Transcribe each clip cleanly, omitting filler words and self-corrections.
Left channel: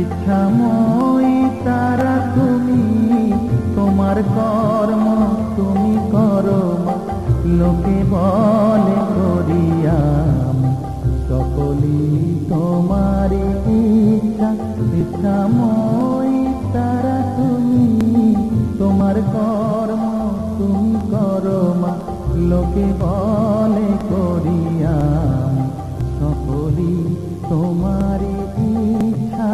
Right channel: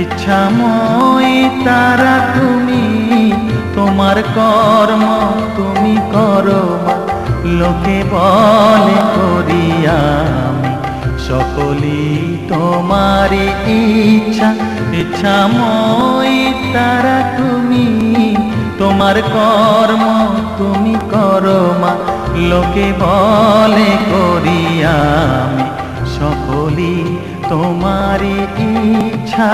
ইচ্ছাময়ী তারা তুমি, তোমার কর্ম তুমি করো মা, লোকে বলে করি আমি সকলই তোমারই ইচ্ছা। ইচ্ছাময়ী তারা তুমি, তোমার কর্ম তুমি করো মা, লোকে বলে করি আমি সকলই তোমারই ইচ্ছা।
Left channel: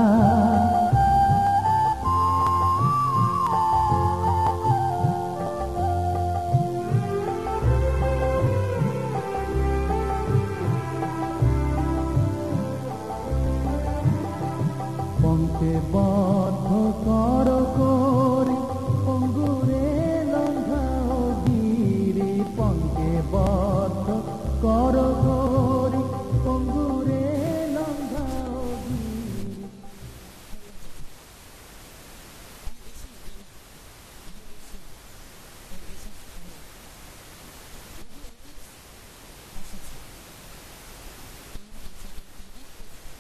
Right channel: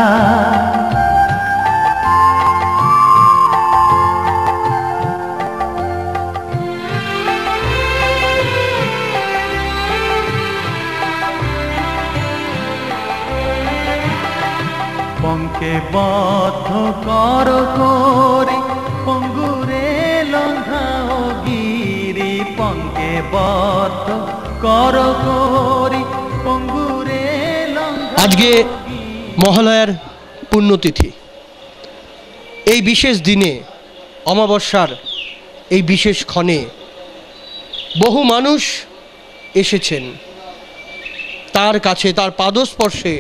পঙ্কে বদ্ধ কর করি পঙ্গুরে লঙ্ঘাও গিরি, পঙ্কে বদ্ধ কর করি পঙ্গুরে লঙ্ঘা। আজকে মহালয়ার পুণ্যতিথি, এই বিশেষ দিনে অমাবস্যার এই বিশেষ ক্ষণে বহু মানুষ এসেছেন তার কাছে, তার পাদস্পর্শে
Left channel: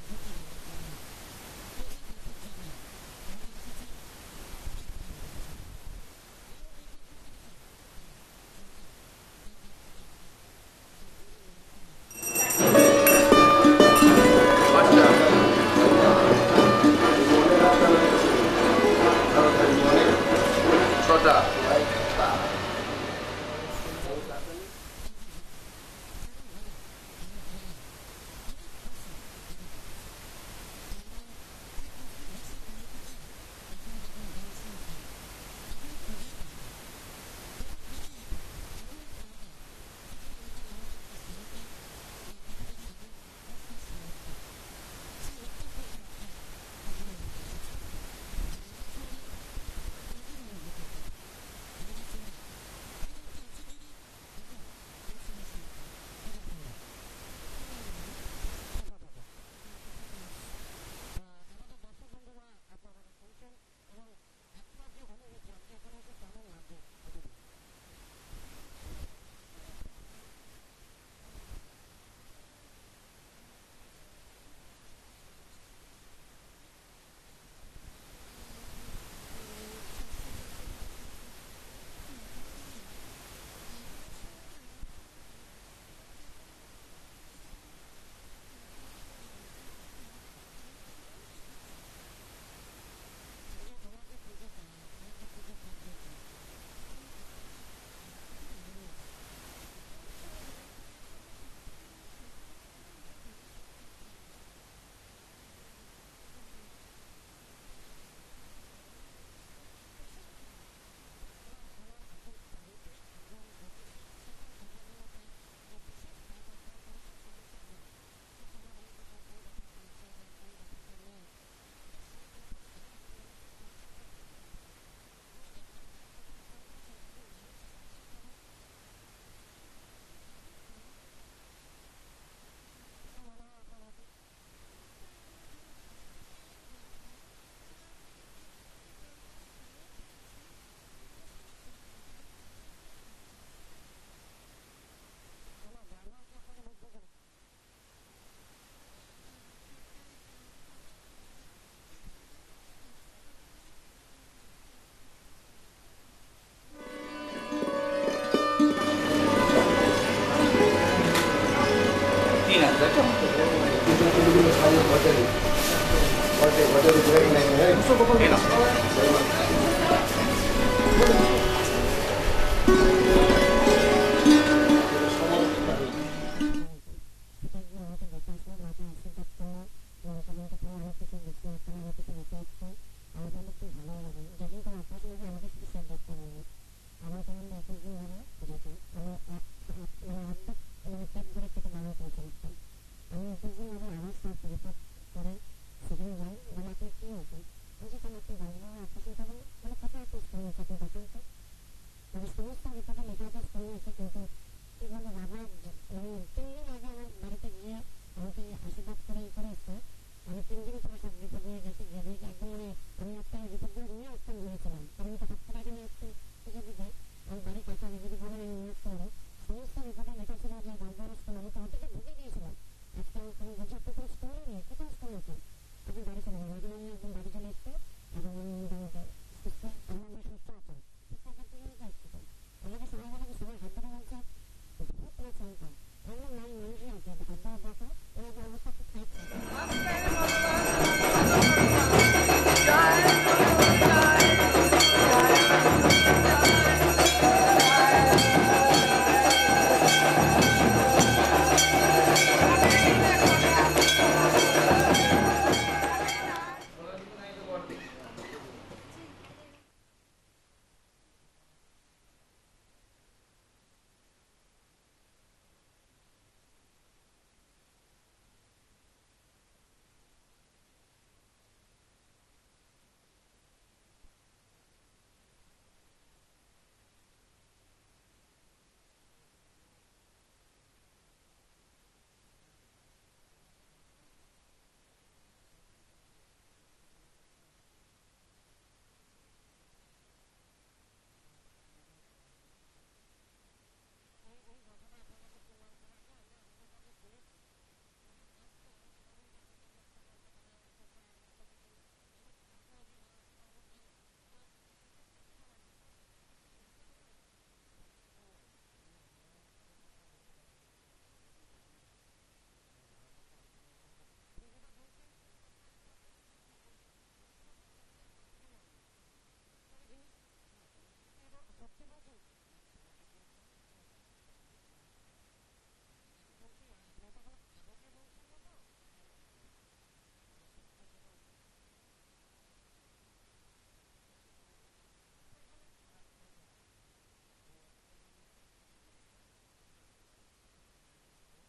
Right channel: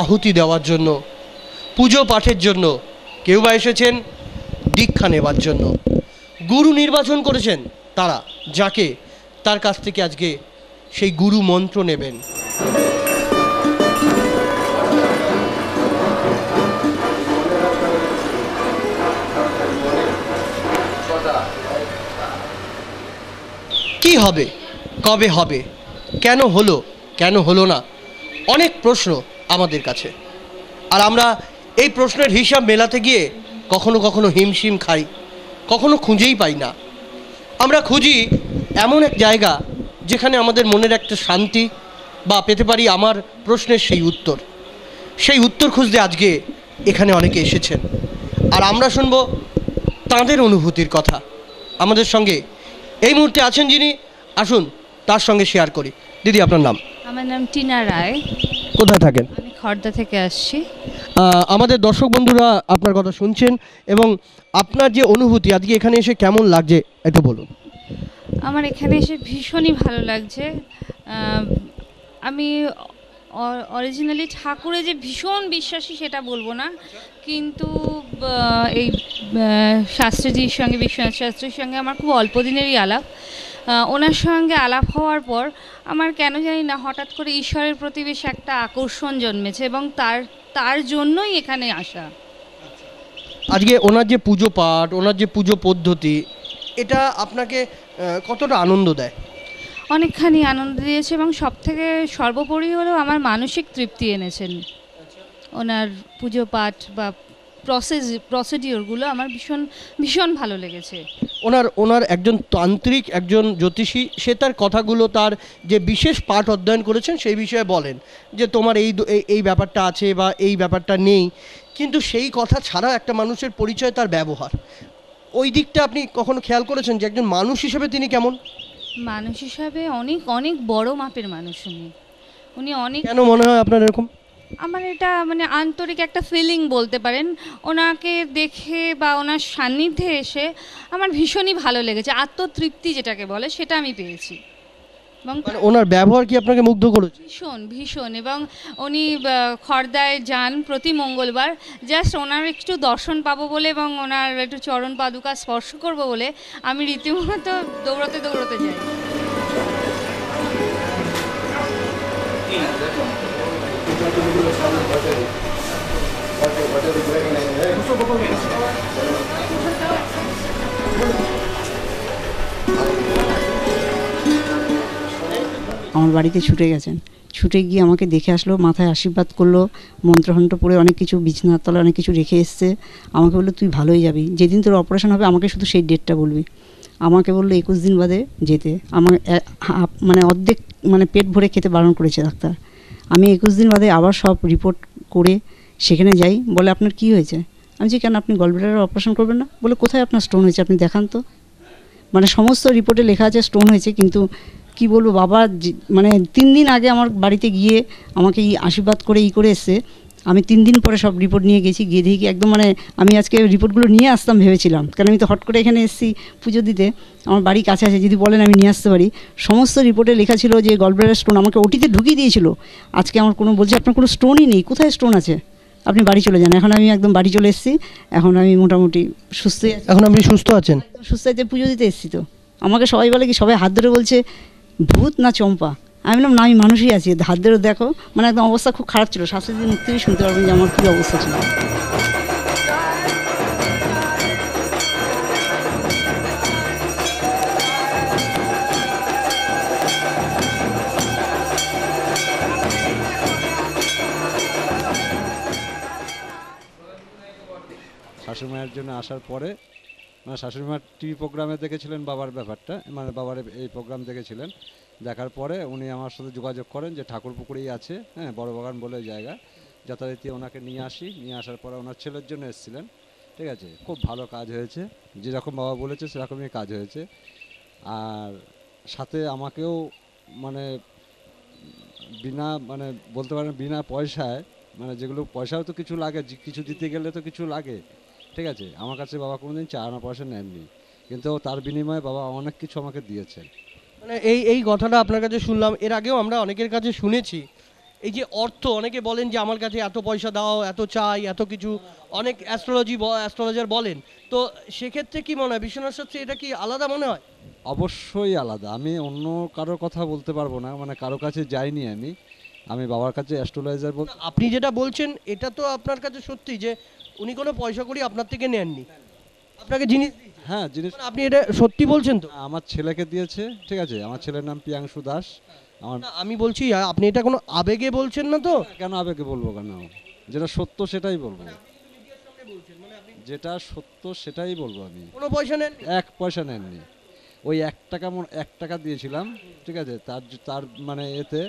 আহুতি দেওয়ার জন্য, পুজো পাঠের জন্য। কেউ বা এসেছেন দীক্ষা নেবার জন্য। গুরু নির্বাচন করেছেন তারা, যাকে তার কাছ থেকে আজকে সেই গুরু মন্ত্র নেবেন। কি হবে, কবে হবে, কেন হলো, কেন হলো না, অনেক প্রশ্ন আমাদের কাছে। আর আমরা এই প্রশ্নের হিসাব মেলাতে গিয়ে কখনো কখনো হিমশিম খাই, কখনো খুঁজেই পাই না। আমরা খুঁজি এমন এক জায়গা যেখানে আমাদের মনের একটা শান্তি বা পেতে পারি আমার প্রশ্নের সেই উত্তর। সেই উত্তর খুঁজতে আজকে এখানে অনেকে এসেছেন, আর আমরা শুনবো তাঁদের অনুভূতির কথা। আমাদের সঙ্গে এই মুহূর্তে আছেন যিনি, আসুন তার সঙ্গে শেয়ার করি। দিদি, আপনার নাম? আমার নাম টিনা রায়। কোথায় থাকেন? আমি খড়দা থেকে আসছি। আমাদের দর্শক বন্ধুরা আপনার কথা শুনছেন, এবং আপনার যে অনুভূতি আজকে এখানে এসে কেমন লাগছে একটু বলুন। আমার এখানে এসে ভীষণই ভালো লাগছে। আমি অরিজিনালি ঠাকুরে যে ভীষণ বিশ্বাসী সেটা বলবো না, কিন্তু এই শাস্ত্রীজির সঙ্গে, বিশ্বনাথ শাস্ত্রীর সঙ্গে আমার খুব অল্প দিনেরই আলাপ। ওনার সঙ্গে আলাপ হওয়ার পর আমার কেন জানি না হঠাৎ করে ঈশ্বরের প্রতি বেশ একটা আকর্ষণ জন্মেছে, এবং তার জন্যই এখানে আসা। আজকে ওনার যে পুজো পাঠ, ওনার যে পুজো পদ্ধতি, এটা আপনাকে কতটা আনন্দ দেয়? অনেকখানি আনন্দ দিয়েছে, এবং সবথেকে সর্বোপরি হলো আমার মানসিক তৃপ্তি এনেছেন। ওনার পুজো পাঠ বা প্রসিডিওরগুলো আমার ভীষণ ভীষণ ভালো লেগেছে। ওনার একজন তান্ত্রিক, একজন জ্যোতিষী, সে তার কথাগুলো, তার যে বিশেষ পাঠ অধ্যয়ন করেছেন সেই বিষয়ে বলেন যে তোমার এই ব্যাপারটা আছে বা এই ব্যাপারটা নেই, কিন্তু সেই কথা ছাড়া একটা মানুষের পরিচয় তার ব্যবহার। ওই দিকটা আপনি কখনো খেয়াল করেছেন যে একজন মানুষ হিসেবে তিনি কেমন? মানুষ হিসাবে অনেক অনেক বড় মাপের মানুষ উনি অনেক। কেন মনে হয় আপনার এরকম? আমার এটা মানে আন্তরিক একটা ফিলিং বলতে পারেন। ওনাকে দেখে বা ওনার সান্নিধ্যে এসে আমার ভীষণই ভালো লেগেছে। আত্মতৃপ্তি যেটাকে বলে সেটা আমি পেয়েছি। এবং ওনার ব্যবহার কি আপনাকে মুগ্ধ করেছে? ভীষণ ভীষণ। এবং উনি খড়দায় যান প্রতি মঙ্গলবার, জাস্ট ওনার একটু দর্শন পাবো বলে এবং ওনার একটু চরণ পাদুকা স্পর্শ করবো বলে আমি রীতিমতো দৌড়াতে দৌড়াতে যাই। আমার বাড়িতে ছুটে গেছেন, ছুটে গিয়ে আমাকে দেখে আসলো, মাথায় আশীর্বাদ করলো, মন্ত্রহন্ত্র পড়ে অনেক কিছু বিছানার তলায় অনেক কিছু রেখে এসছে। আমাকে বললো তুই ভালোই যাবি, যেদিন তোর অপারেশন হবে আমাকে শুধু সেই ডেটটা বলবি। আমাকে বললো 21 দিন বাদে যেতে। আমার মানে অর্ধেক মানে পেট ভরে খেতে বারণ করেছে ডাক্তার। আমি 21 দিন বাদে আবার সব রিপোর্ট করে সেখানে যাই। বলে আপনার কি হয়েছে? আমি যে কেন আপনি গলব্লাডারের অপারেশন করবেন না? বলে কোথায় আপনার স্টোন হয়েছে আপনি দেখান তো। মানে সমস্ত রিপোর্টে লেখা আছে স্টোন হয়েছে, কিন্তু কি বলবো বাবা মানে 3 দিন আগে আমার বাড়িতে গিয়ে আমাকে আশীর্বাদ করে করে এসছে। আমি 3 দিন পরে সব রিপোর্ট নিয়ে গেছি, গিয়ে দেখি একদম মানে আমি আজকে রিপোর্টগুলো নিয়ে আসতাম ভেবেছিলাম, কারণ আমি তো হট করে এখানে এসেছি পুজো দিতে, আমার বাড়ি কাছে আছে, যদি বলেন আমি নিয়ে আসতে পারি। সমস্ত রিপোর্টে লেখা ছিল যে গলব্লাডার স্টোন, আমাকে ওটিতে ঢুকিয়ে দিয়েছিল। আজকে আমার কোনো বলছে আপনার কোনো স্টোনই নেই, কোথায় স্টোন আছে? আপনি বাড়ি চলে যান। এখন আমি একদম বাড়ি চলে এসেছি, এখন আমি মোটামুটি সুস্থই আছি। এখন আপনি সুস্থ আছেন? সুস্থ আছে, পুজো দিতে এসেছি তো। আমাকে সবাই বলে কি, সবাই হাত ধরে বলছে ভূত না চম্পা। আমি বললাম না, আমি মানুষই আছি, হাত ধরে দেখো। মানে একদম অবস্থা খুব খারাপ ছিল, শাশুড়ির মুখ থেকে শুনতে পারবেন যে আমার কী অবস্থা ছিল। শাশুড়িমায়ের জন্য আসার পরে মানে শাশুড়িমার টিভি প্রোগ্রামে দেখেছিলেন বাবার ব্যাপারটা, মানে বাবার এই প্রোগ্রাম দেখেছিলেন। দেখার পরে উনি আমার সাথে যোগাযোগ করেন যে ঠাকুরপুকুরেই আছে, হ্যাঁ, বড় বাগান বলে জায়গা, যথারীতি ওনাকে নিয়ে আসি। নিয়ে আসার পরে ওনার ছেলের জন্য এসেছিলেন, ঠিক আছে। খুব ভালো কাজ হয়েছে, যেরকম বাবা বলেছে সেরকমই কাজ হয়েছে। আর সাথে আমাকেও মানে মানে বলতে পারেন বিনা পয়সায়, মানে যেগুলো পয়সাও তো কিছু লাগে, কিছু দিতে গেলে তো কিছু লাগে, ঠিক আছে। আমার কাছে বাবা কোনোদিন চা আনা পয়সা নেননি, কিন্তু তার বিনিময়ে বাবা অনেক কিছু আমাকে দিয়েছেন। মানে এই কথাটা আপনার কাছে শুনলাম, এর আগেও আমরা অনেকের কাছে শুনেছি। এই যে অর্থ, অনেকে বলেন যে আমার কাছে এত পয়সা দাও, এত চাই, এত কিছু, অনেক অ্যাস্ট্রোলজার বলেন। তো সেক্ষেত্রে কি মনে হয় বিশ্বনাথ শাস্ত্রী, এটা কি আলাদা মনে হয়? অবশ্যই আলাদা। আমি অন্য কারোর কথা বলতে পারবো না, মানে কারো কাছে যাইনি আমি বাবার কাছে অ্যাস্ট্রোলজার বলতে। আপনি যেটা বলছেন এটা তো আপনার কাছে সত্যি যে উনি কোনো পয়সা করি আপনার থেকে নেননি, আপনাকে জিনিস দিয়েছে। হ্যাঁ, জিনিস আপনি এটা সত্যি বলছেন তো? আমার ছেলেকে দিয়েছে, ঠিক আছে। আমার ছেলের নাম প্রিয়াংশু দাস। আমার না, আমি বলছি আপনি এটা কোনো আবেগে বলছেন না তো? কেন আবেগে বলবো, কেন? যেটা সত্য সেটাই বলবো, যেটা সত্য সেটাই বলবো। আমি কোনো পয়সা নেন? 1 পয়সা নেননি। ওই 1 টাকা দিয়েছিলাম, ঠিক আছে। তার মানে এতে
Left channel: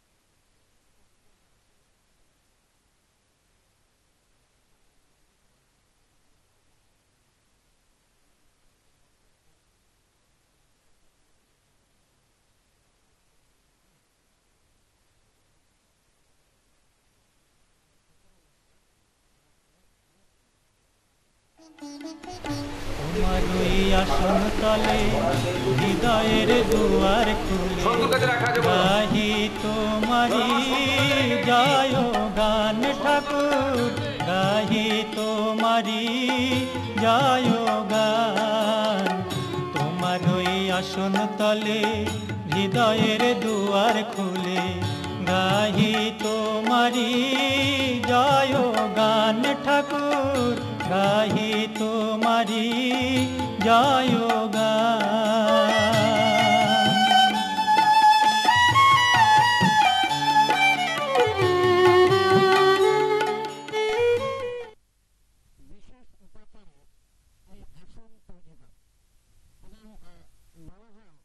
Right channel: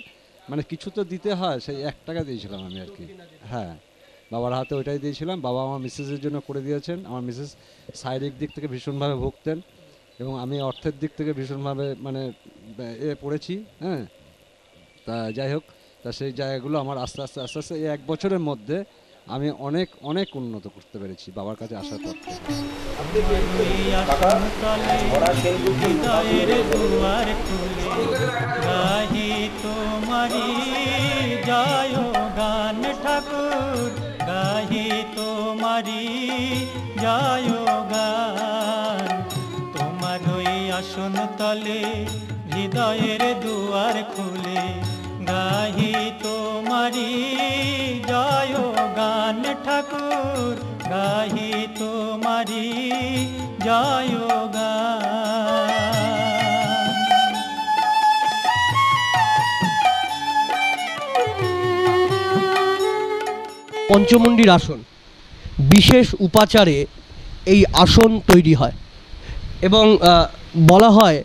মানে কিছু তো দিতে হয়, সেই 1 টাকা দিয়েছিলাম আমি আর কি। হ্যাঁ, বাবার হাতে ওইটাই দিয়েছিলাম। বাবা আমার মিসেসের জন্য করে দিয়েছেন। আমার মিসেস শারীরিক দিক থেকে ভীষণভাবে ভুগতেন, এবং আমি অর্থের দিক থেকে ভীষণভাবে মানে পড়েছি, হ্যাঁ। তা যাই হোক, তা সেই জায়গাগুলো আমার আস্তে আস্তে আস্তে আস্তে এই 1 বছরের মধ্যে আমি অনেক অনেক উন্নত করতে পেরেছি বাবার কাছে আসার পর। হৃদয়ের দুয়ার খুলে গাহি তোমারি জয় গান ঠাকুর, গাহি তোমারি জয় গান। তোমার ওই আসন তলে হৃদয়ের দুয়ার খুলে গাহি তোমারি জয় গান ঠাকুর, গাহি তোমারি জয় গান। পঞ্চমুণ্ডির আসন, বিশেষ উপাচারে এই আসন তৈরি হয় এবং বলা হয়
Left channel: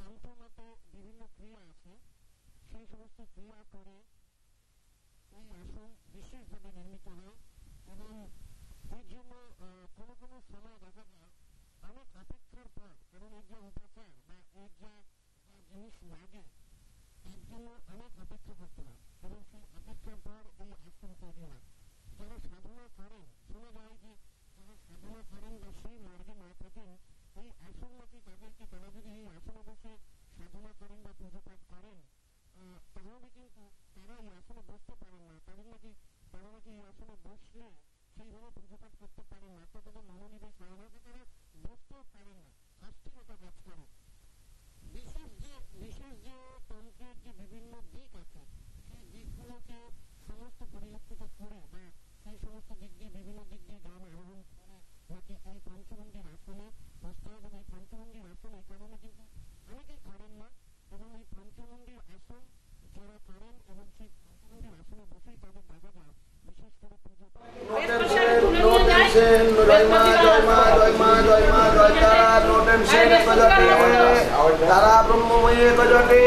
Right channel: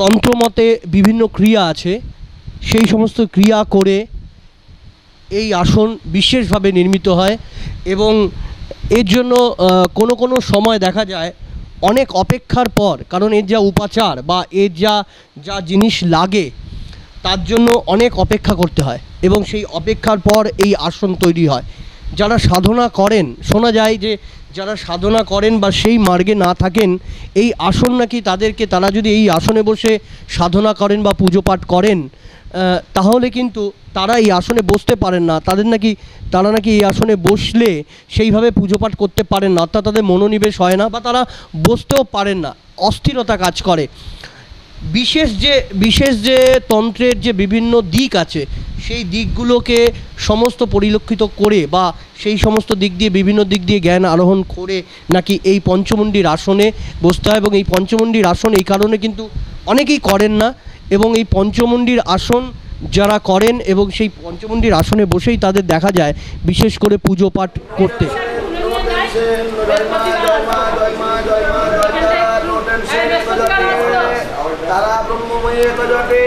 তন্ত্রমতে বিভিন্ন ক্রিয়া আছে, সেই সমস্ত ক্রিয়া করে এই আসন বিশেষভাবে নির্মিত হয়। এবং এর জন্য কোনো কোনো সময় দেখা যায় অনেক অপেক্ষার পর, কারণ এর যা উপাচার বা এর যা জিনিস লাগে তার জন্য অনেক অপেক্ষা করতে হয়, এবং সেই অপেক্ষার পর এই আসন তৈরি হয়। যারা সাধনা করেন, শোনা যায় যে যারা সাধনা করেন বা সেই মার্গে না থাকেন, এই আসন নাকি তারা যদি এই আসনে বসে সাধনা করেন বা পুজো পাঠ করেন, তাহলে কিন্তু তারা এই আসনে বসতে পারেন না। তারা নাকি এই আসনে বসলে সেইভাবে পুজো পাঠ করতে পারেন না, অর্থাৎ তাদের মনোনিবেশ হয় না বা তারা বসতেও পারেন না, অস্থিরতা কাজ করে। বিশেষ যে তন্ত্রের যে বিভিন্ন দিক আছে, সেই দিকগুলোকে সমস্ত পরিলক্ষিত করে বা সেই সমস্ত দিক দিয়ে বিভিন্ন দিক দিয়ে জ্ঞান আরোহণ করে নাকি এই পঞ্চমুণ্ডির আসনে বসতে হয়। এবং এই পঞ্চমুণ্ডির আসন এই কারণে কিন্তু অনেকেই করেন না, এবং এই পঞ্চমুণ্ডির আসন যারা করেন এবং সেই পঞ্চমুণ্ডির আসনে বসেই তাদের দেখা যায় বিশেষ করে পুজো পাঠ করতে। তারা ব্রহ্মময়ে তজটে,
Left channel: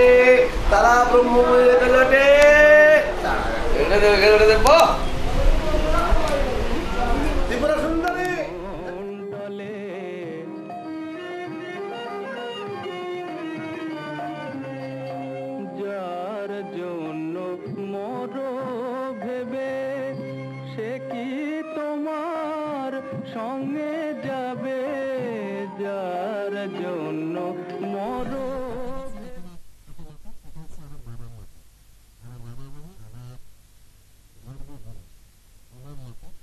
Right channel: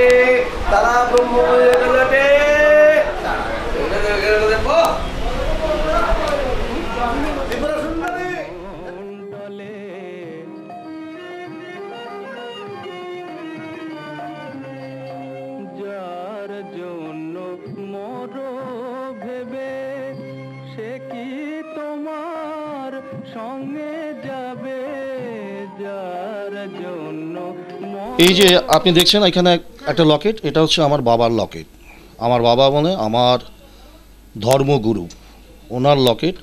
তারা ব্রহ্মময়ে তজটে। যার জন্য মোর ভেবে সে কি তোমার সঙ্গে যাবে, যার জন্য। এই যে আপনি দেখছেন এখানে একটা লকেট, এটা হচ্ছে আমার বাবার লকেট। আমার বাবা মানে আমার ধর্মগুরু, ওনার লকেট।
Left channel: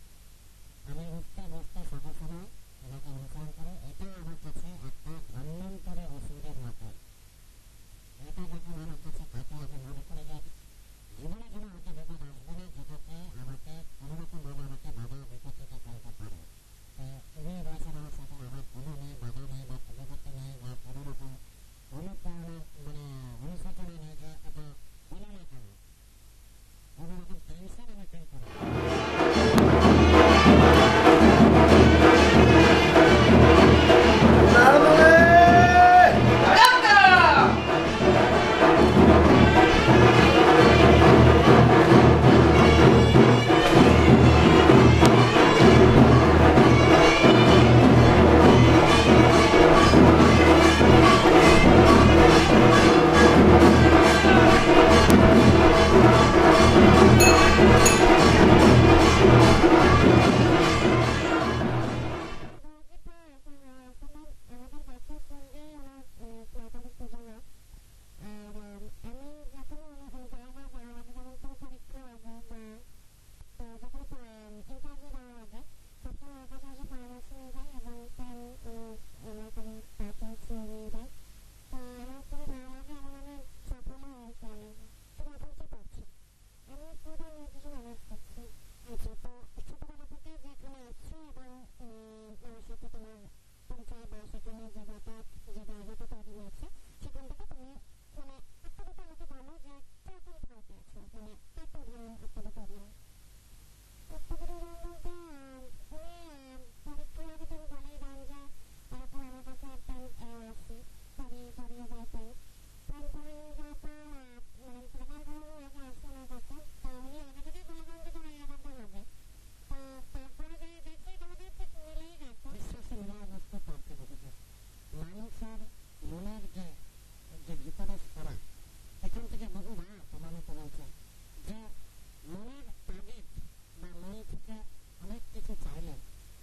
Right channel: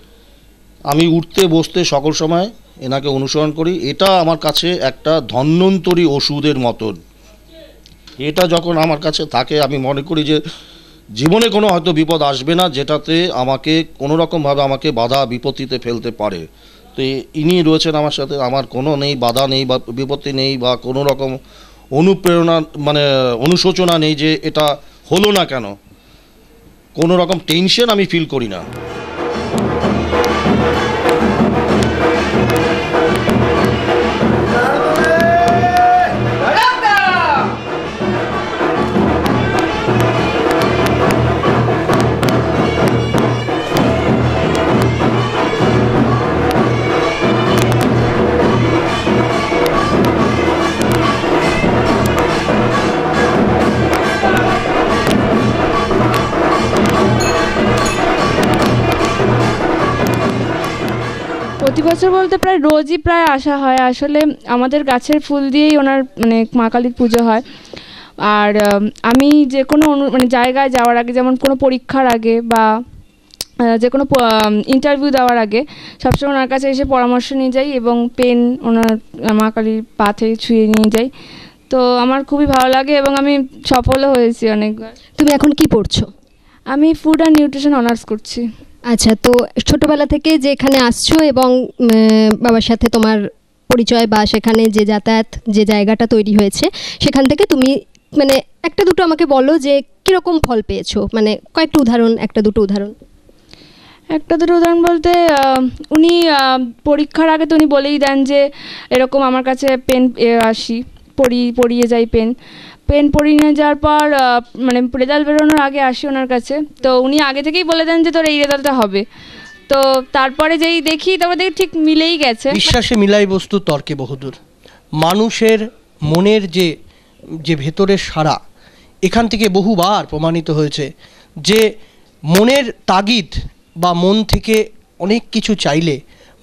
আমি উঠতে বসতে সকল সময় এনাকে অনুসরণ করি। এটা আমার কাছে একটা ধন্বন্তরী ওষুধের মতন। এটা যখন আমার কাছে থাকে আমি মনে করি যে জীবনে কোনো হয়তো বিপদ আসবে না যেটাতে আমাকে কোনো রকমভাবে আমাকে বাধা বিপত্তিতে ফেলতে পারে। তো ইনি রয়েছেন আমার সাথে, আমার কোনো নেই, বাধা নেই বা বিপত্তি নেই বা কোনো রকম অনুপ্রেরণা মানে অনুশোচনা নেই যে এটা হলো না কেন, কোনো রকম টেনশন আমি ফিল করি না। প্রতি বছর বলতে প্রায় রোজই প্রায় আসা হয়। আসলে আমাদের গাছের ফুল দিয়েই ওনার মানে মা কালীর পুজো হয়। আর আমি যে কোনো মানে জায়গায় যাওয়ার আগে, যেমন কোনো পরীক্ষার আগে বা যে কোনো ইন্টারভিউ দেওয়ার আগে সবসময় ওনার কাছে এসে পরামর্শ নিয়ে যাই এবং পেন ওনার মা কালীর পাতে ছুঁয়ে নিয়ে যাই। তো আমার খুবই ভালো লাগে এবং আমি সফলও হয়েছি অনেকবার। তুমি এখন কি পড়ছো? আমি ফুড অ্যান্ড নিউট্রিশন অনার্স করছি। আচ্ছা, তো ছোটবেলা থেকে যে এখানে আসছো এবং বাবার সাথে তোমার পরিচয় বা সেখানে যে যাতায়াত যে জায়গাটা তৈরি হয়েছে, সেখান থেকে তুমি মানে একটা দুটো আমাকে বলো যে কীরকম ফল পেয়েছো, মানে কয়েকটা উদাহরণ, একটা দুটো উদাহরণ। একটা দুটো উদাহরণ বলতে উনি পরীক্ষার আগে তো উনি বলেই দেন যে এরকম আমার কাছে পেন আসি, পড়িয়ে যাই পেন পড়িয়ে নিয়ে যাওয়ার পর মানে রেজাল্ট বেরোনোর আগে আসি ওনার কাছে। তো উনি আগে থেকেই বলে দেন যে তোর এই রেজাল্টটা হবে। তো তারপরে যেই দেখি তারপরে দেখি ঠিক মিলেই গেছে। বিশ্বাসে মিলাই বস্তু তর্কে বহুদূর। মানুষের মনের যে যে ভেতরের সারা, এখান থেকে বহুবার প্রমাণিত হয়েছে যে মনের তাগিদ বা মন থেকে অনেক কিছু চাইলে,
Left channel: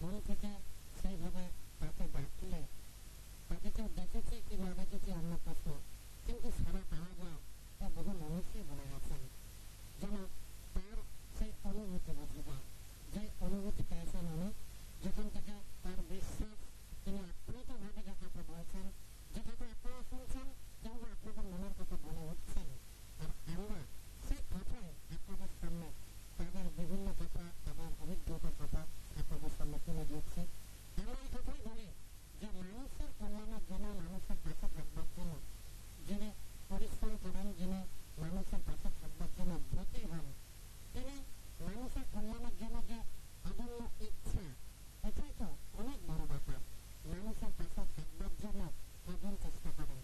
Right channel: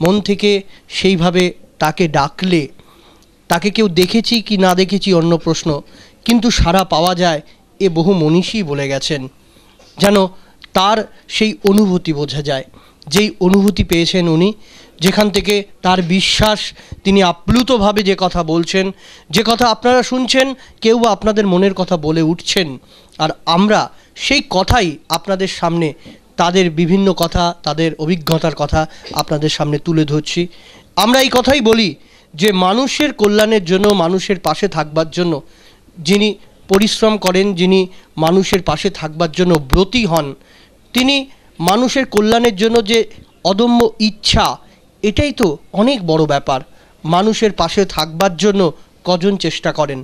মন থেকে সেইভাবে তাকে ডাকলে, তাকে কেউ দেখেছি কি না দেখেছি অন্য প্রশ্ন, কিন্তু সারা পাওয়া যায়, এ বহু মনীষী বলে গেছেন। যেন তার সেই অনুভূতি বোঝা যায়, যেই অনুভূতি পেয়েছেন উনি, যেখান থেকে তার বিশ্বাস, তিনি আপ্লুতভাবে যে কথা বলছেন, যে কথা আপনারা শুনছেন, কেউ বা আপনাদের মনের কথা বলে উঠছেন, আর আমরা সেই কথাই আপনাদের সামনে তাদের বিভিন্ন কথা, তাদের অভিজ্ঞতার কথা আপনাদের সামনে তুলে ধরছি। আমরা এই কথাই বলি যে মানুষের কল্যাণের জন্য, মানুষের পাশে থাকবার জন্য যিনি পরিশ্রম করেন, যিনি মানুষের পাশে থাকবার জন্য ব্রতী হন, তিনি মানুষের কল্যাণের জন্য যে অদম্য ইচ্ছা, এটাই তো অনেক বড় ব্যাপার। মানুষের পাশে থাকবার জন্য কজন চেষ্টা করেন,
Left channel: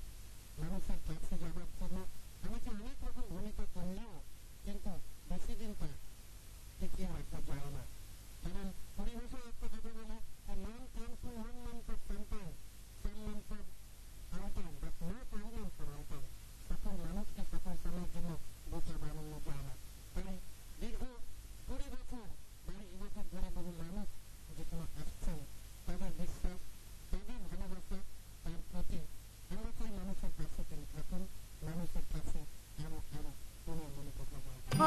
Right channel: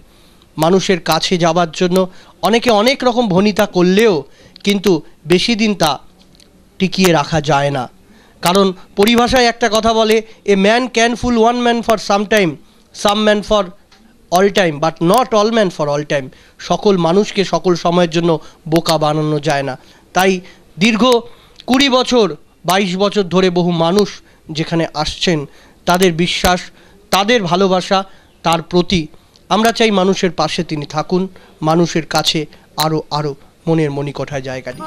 মানুষের কাছে যাবার জন্য অনেকে অনেক রকম ভনিতা করলেও কিন্তু বেশি দিন তা টিকিয়ে রাখা যায় না। কারণ পরিভাষায় একটা কথা বলে, a man can full one man for some time, some man for all time, but not all man for all time. সকল মানুষকে সকল সময়ের জন্য বোকা বানানো যায় না। তাই দীর্ঘ 20 বছর 22 বছর ধরে বহু মানুষ যেখানে আসছেন, তাদের বিশ্বাস, তাদের ভালোবাসা, তার প্রতি আমরা চাই মানুষের পাশে তিনি থাকুন, মানুষের কাছে আরও আরও মনের মণিকোঠায় জায়গা দিন।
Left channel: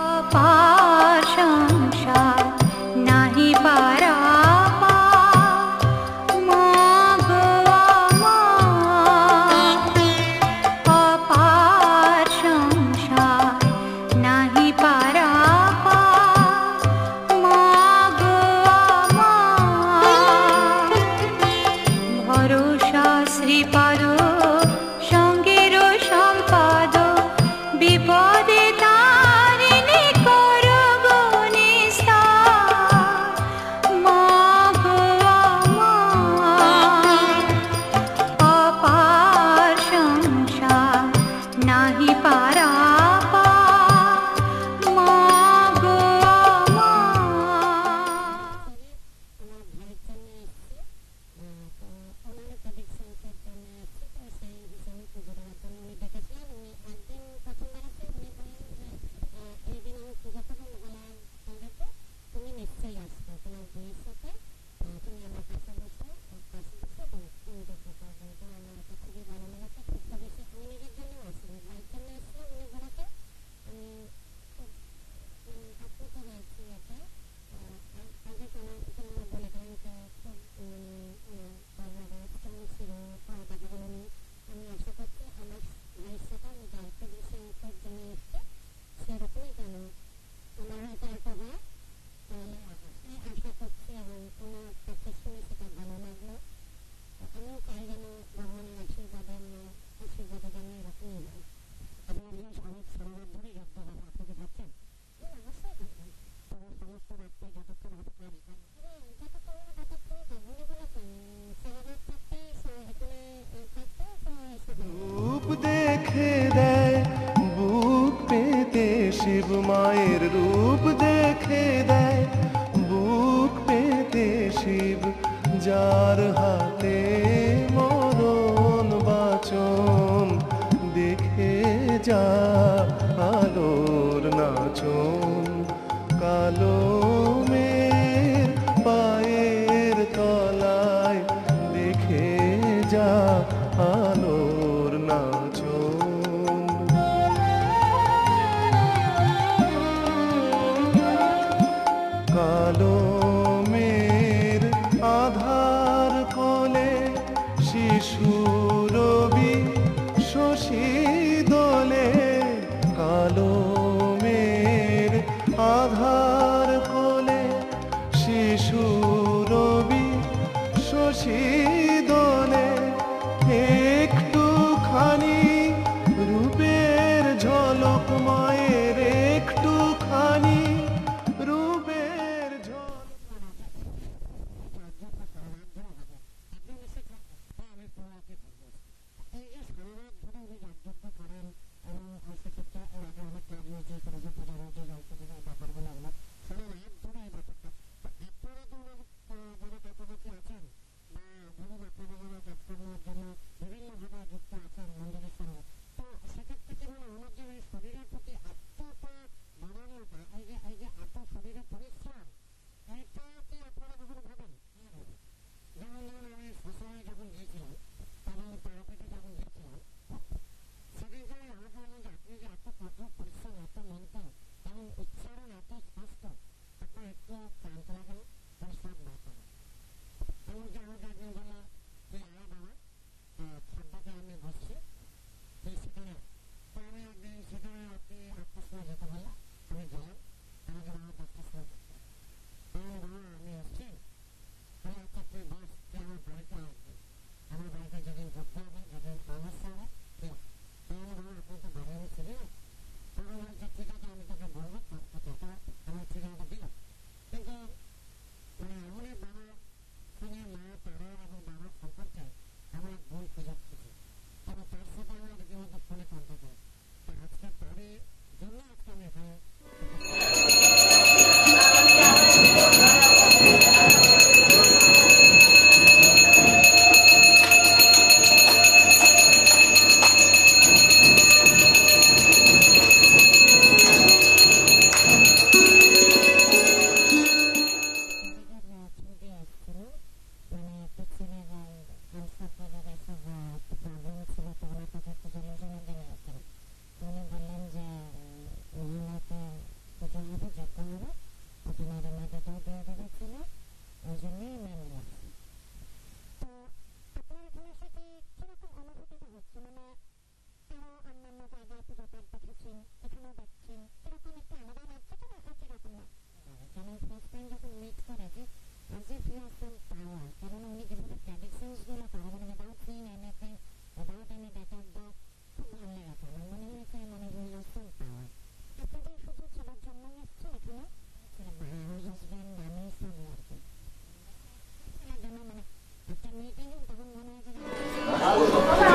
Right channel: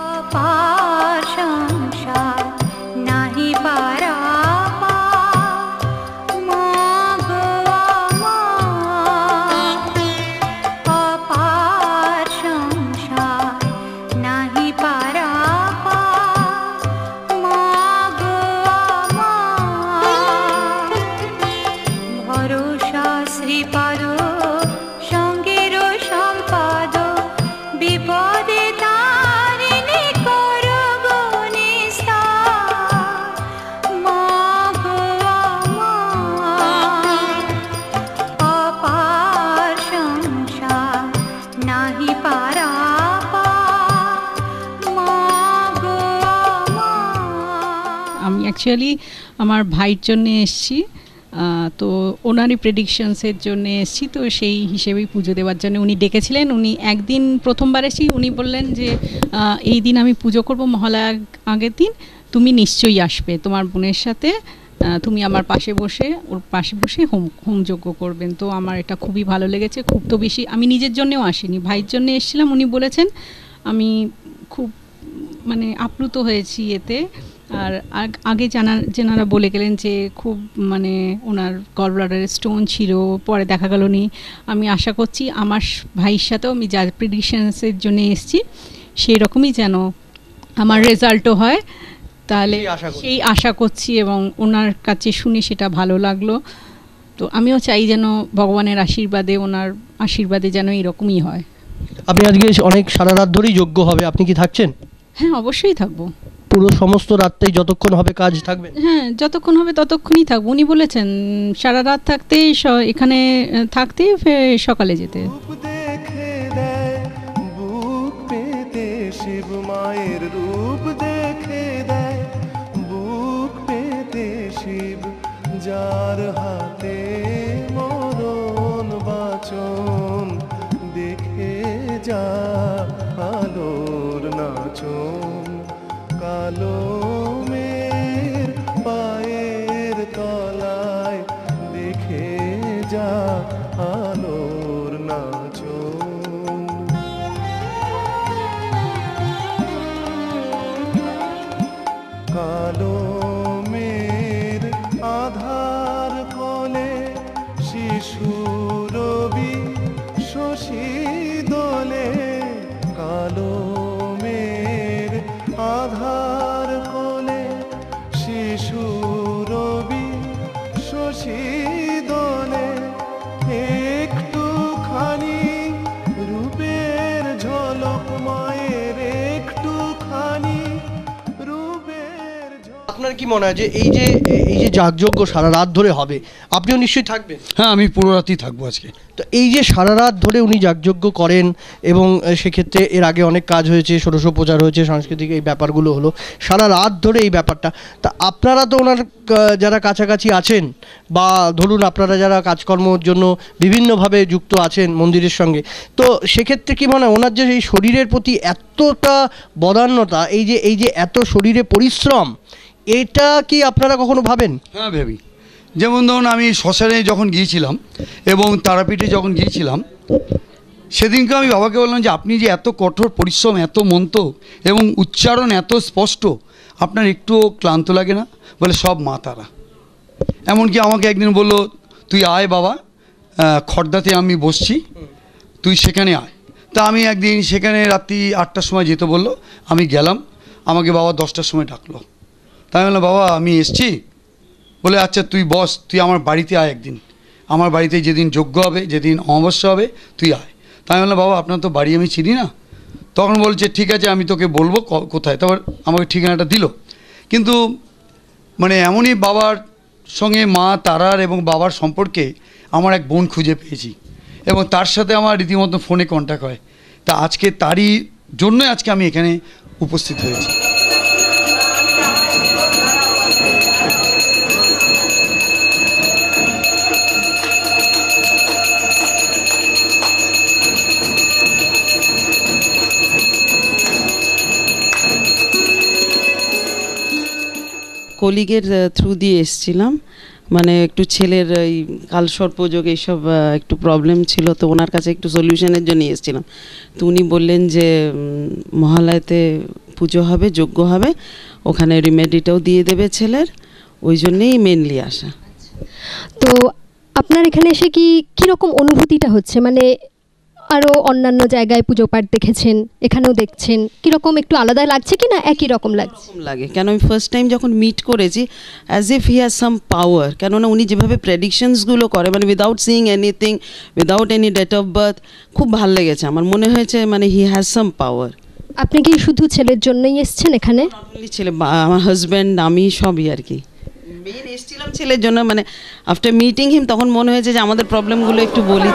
অ্যাকচুয়ালি আমার ভাইয়ের জন্য এসেছি, তো ওনারই প্রেডিকশনসের জন্য এসেছি। তো সেই হিসেবেই পুজো দেওয়ার জন্য উনি ডেকেছিলেন। উনি একদিন প্রথমবার এসেছি, উনি বললেন যে এই দিন আমি পুজো করব, মহালয়ার আগের দিন তুমি নিশ্চয়ই আসবে তোমার বোনের সাথে, তুমি আমার পাশে বসে ওর পাশে বসে হোমযজ্ঞ করবেন। তো আমার এটা খুবই ভালো লেগেছে। খুব তো বেশি আমি নিজের জন্যও আসিনি, ভাইয়ের জন্য এসেছিলাম। উনি বলেছেন, আমি খুব মানে আপ্লুত হয়েছি এতে। আর আগে যেনারা বলে গেলেন যে খুব মানে ওনার গল ব্লাডারে স্টোন ছিল, পরে দেখা গেল নি। আমি আশা করছি আমার ভাইয়ের সাথেও আমি যা প্রেডিকশনসের জন্য এসেছি সেই রকমই যেন আমার রেজাল্টও হয়, তাহলে সেই আশা করছি এবং ওনার কাছে শুনে সেটা ভালো লাগলো। তো আমিও চাই যেন ভগবানের আশীর্বাদে, ওনার আশীর্বাদে যেন এরকমই হয়। আপনি আজকে অনেক সারা রাত ধরেই যজ্ঞ হবে, আপনি কি থাকছেন? হ্যাঁ, অবশ্যই থাকবো। পুরো সমস্ত রাতটাই যতক্ষণ হবে কাজ থাকবে? হ্যাঁ, যতক্ষণ হবে ততক্ষণই থাকবো। উনি বলেছেন সারা রাত থাকতে, এখানে থাকতে সকালে যেতে। দেখে দেয় বুক পেতে শিব মায়ের রূপ দেখে দেয় বুক পেতে শিব, যার হাতে মরণ বাচন, দেখে যা আলোর নাচন। কালো মের পায়ের তলায় দেখে যা আলোর নাচন। কালো মের আধার কোলে শিশু রবি শশী দোলে, কালো মের আধার কোলে শিশু রবি শশী দোলে। একটুখানি রূপের ঝলক মায়ের, একটুখানি রূপের ঝলক। আপনার কি মনে হয় যে এই যে যাগযজ্ঞ সারা রাত ধরে হবে, আপনিও নিশ্চয়ই থাকবেন? হ্যাঁ, আমি পুরো রাতই থাকবো আজকে। তো এই যে সারা রাত ধরে উনি যাগযজ্ঞ করেন এবং সেক্ষেত্রে এর আগে অনেক কাজ হয়েছে, ষোড়শোপচার হয়েছে, সাংস্কৃতিক এই ব্যাপারগুলো হলো, সারা রাত ধরে এই ব্যাপারটা। তা আপনারা তো ওনার যারা কাছাকাছি আছেন বা ধরুন আপনারা যারা কাজকর্মর জন্য বিভিন্নভাবে যুক্ত আছেন মন্দিরের সঙ্গে, তো সেক্ষেত্রে কি মনে হয় ওনার যে এই শরীরের প্রতি এতটা বদান্যতা, এই যে এত শরীরে পরিশ্রম, এটা কি আপনারা কখনো ভাবেন? হ্যাঁ, ভেবি। যেমন ধরুন আমি শ্মশানে যখন গিয়েছিলাম এবং তারাপীঠে যখন গিয়েছিলাম, সেদিনকে আমি বাবাকে বললাম যে আপনি যে এত কঠোর পরিশ্রম, এত মন্ত্র এবং উচ্চারণ এত স্পষ্ট, আপনার একটুও ক্লান্ত লাগে না? বলে সব মা তারা। এমনকি আমাকে একদিন বলল, তুই আয় বাবা, খড়দাতে আমি বসছি, তুই সেখানে আয়। তা আমি একদিন সেখানে রাত্রি 8টার সময় যেতে বললো, আমি গেলাম। আমাকে বাবা 10টার সময় ডাকলো। তাই বললাম বাবা আমি এসছি। বলে আচ্ছা তুই বস, তুই আমার বাড়িতে আয় একদিন, আমার বাড়িতে যেদিন যজ্ঞ হবে, যেদিন অমাবস্যা হবে, তুই আয়। তাই বললাম বাবা আপনার তো বাড়ি আমি চিনি না। তখন বলছে ঠিক আছে আমি তোকে বলবো কোথায়। তারপর আমাকে ঠিকানাটা দিল। কিন্তু মানে এমনই বাবার সঙ্গে মা তারার এবং বাবার সম্পর্কে আমার এক বোন খুঁজে পেয়েছি এবং তার সাথে আমার রীতিমতো ফোনে কন্ট্যাক্ট হয়। তা আজকে তারই জন্যই আজকে আমি এখানে উপস্থিত হয়েছি। কলিগের থ্রু দিয়ে এসছিলাম, মানে একটু ছেলের এই কালসর্পযোগ এইসব একটু প্রবলেম ছিল, তো ওনার কাছে একটু সলিউশনের জন্য এসেছিলাম। তো উনি বললেন যে মহালয়াতে পুজো হবে, যজ্ঞ হবে, ওখানে রিমেডিটাও দিয়ে দেবে ছেলের, ওই জন্যেই মেনলি আসা। তো আপনার এখানে এসে কীরকম অনুভূতিটা হচ্ছে? মানে আরও অন্যান্য জায়গায় পুজো পাঠ দেখেছেন, এখানেও দেখছেন, কীরকম একটু আলাদা লাগছে কি না একই রকম লাগে? কেন আমি ফার্স্ট টাইম যখন মিট করেছি, as if he has some power. কেননা উনি যেভাবে প্রেডিকশনসগুলো করে, মানে without seeing anything, without any date of birth, খুব ভালো লেগেছে আমার। মনে হয়েছে মানে হি হ্যাজ সাম পাওয়ার। আপনি কি শুধু ছেলের জন্যই এসছেন এখানে? ছেলে, আমার হাজব্যান্ড, আমি সবই আর কি। মেন এসেছিলাম ছেলের জন্য, মানে আফটার মিটিং হিম তখন মনে হয়েছে যে আমাদের প্রবলেমগুলো একটু বলি।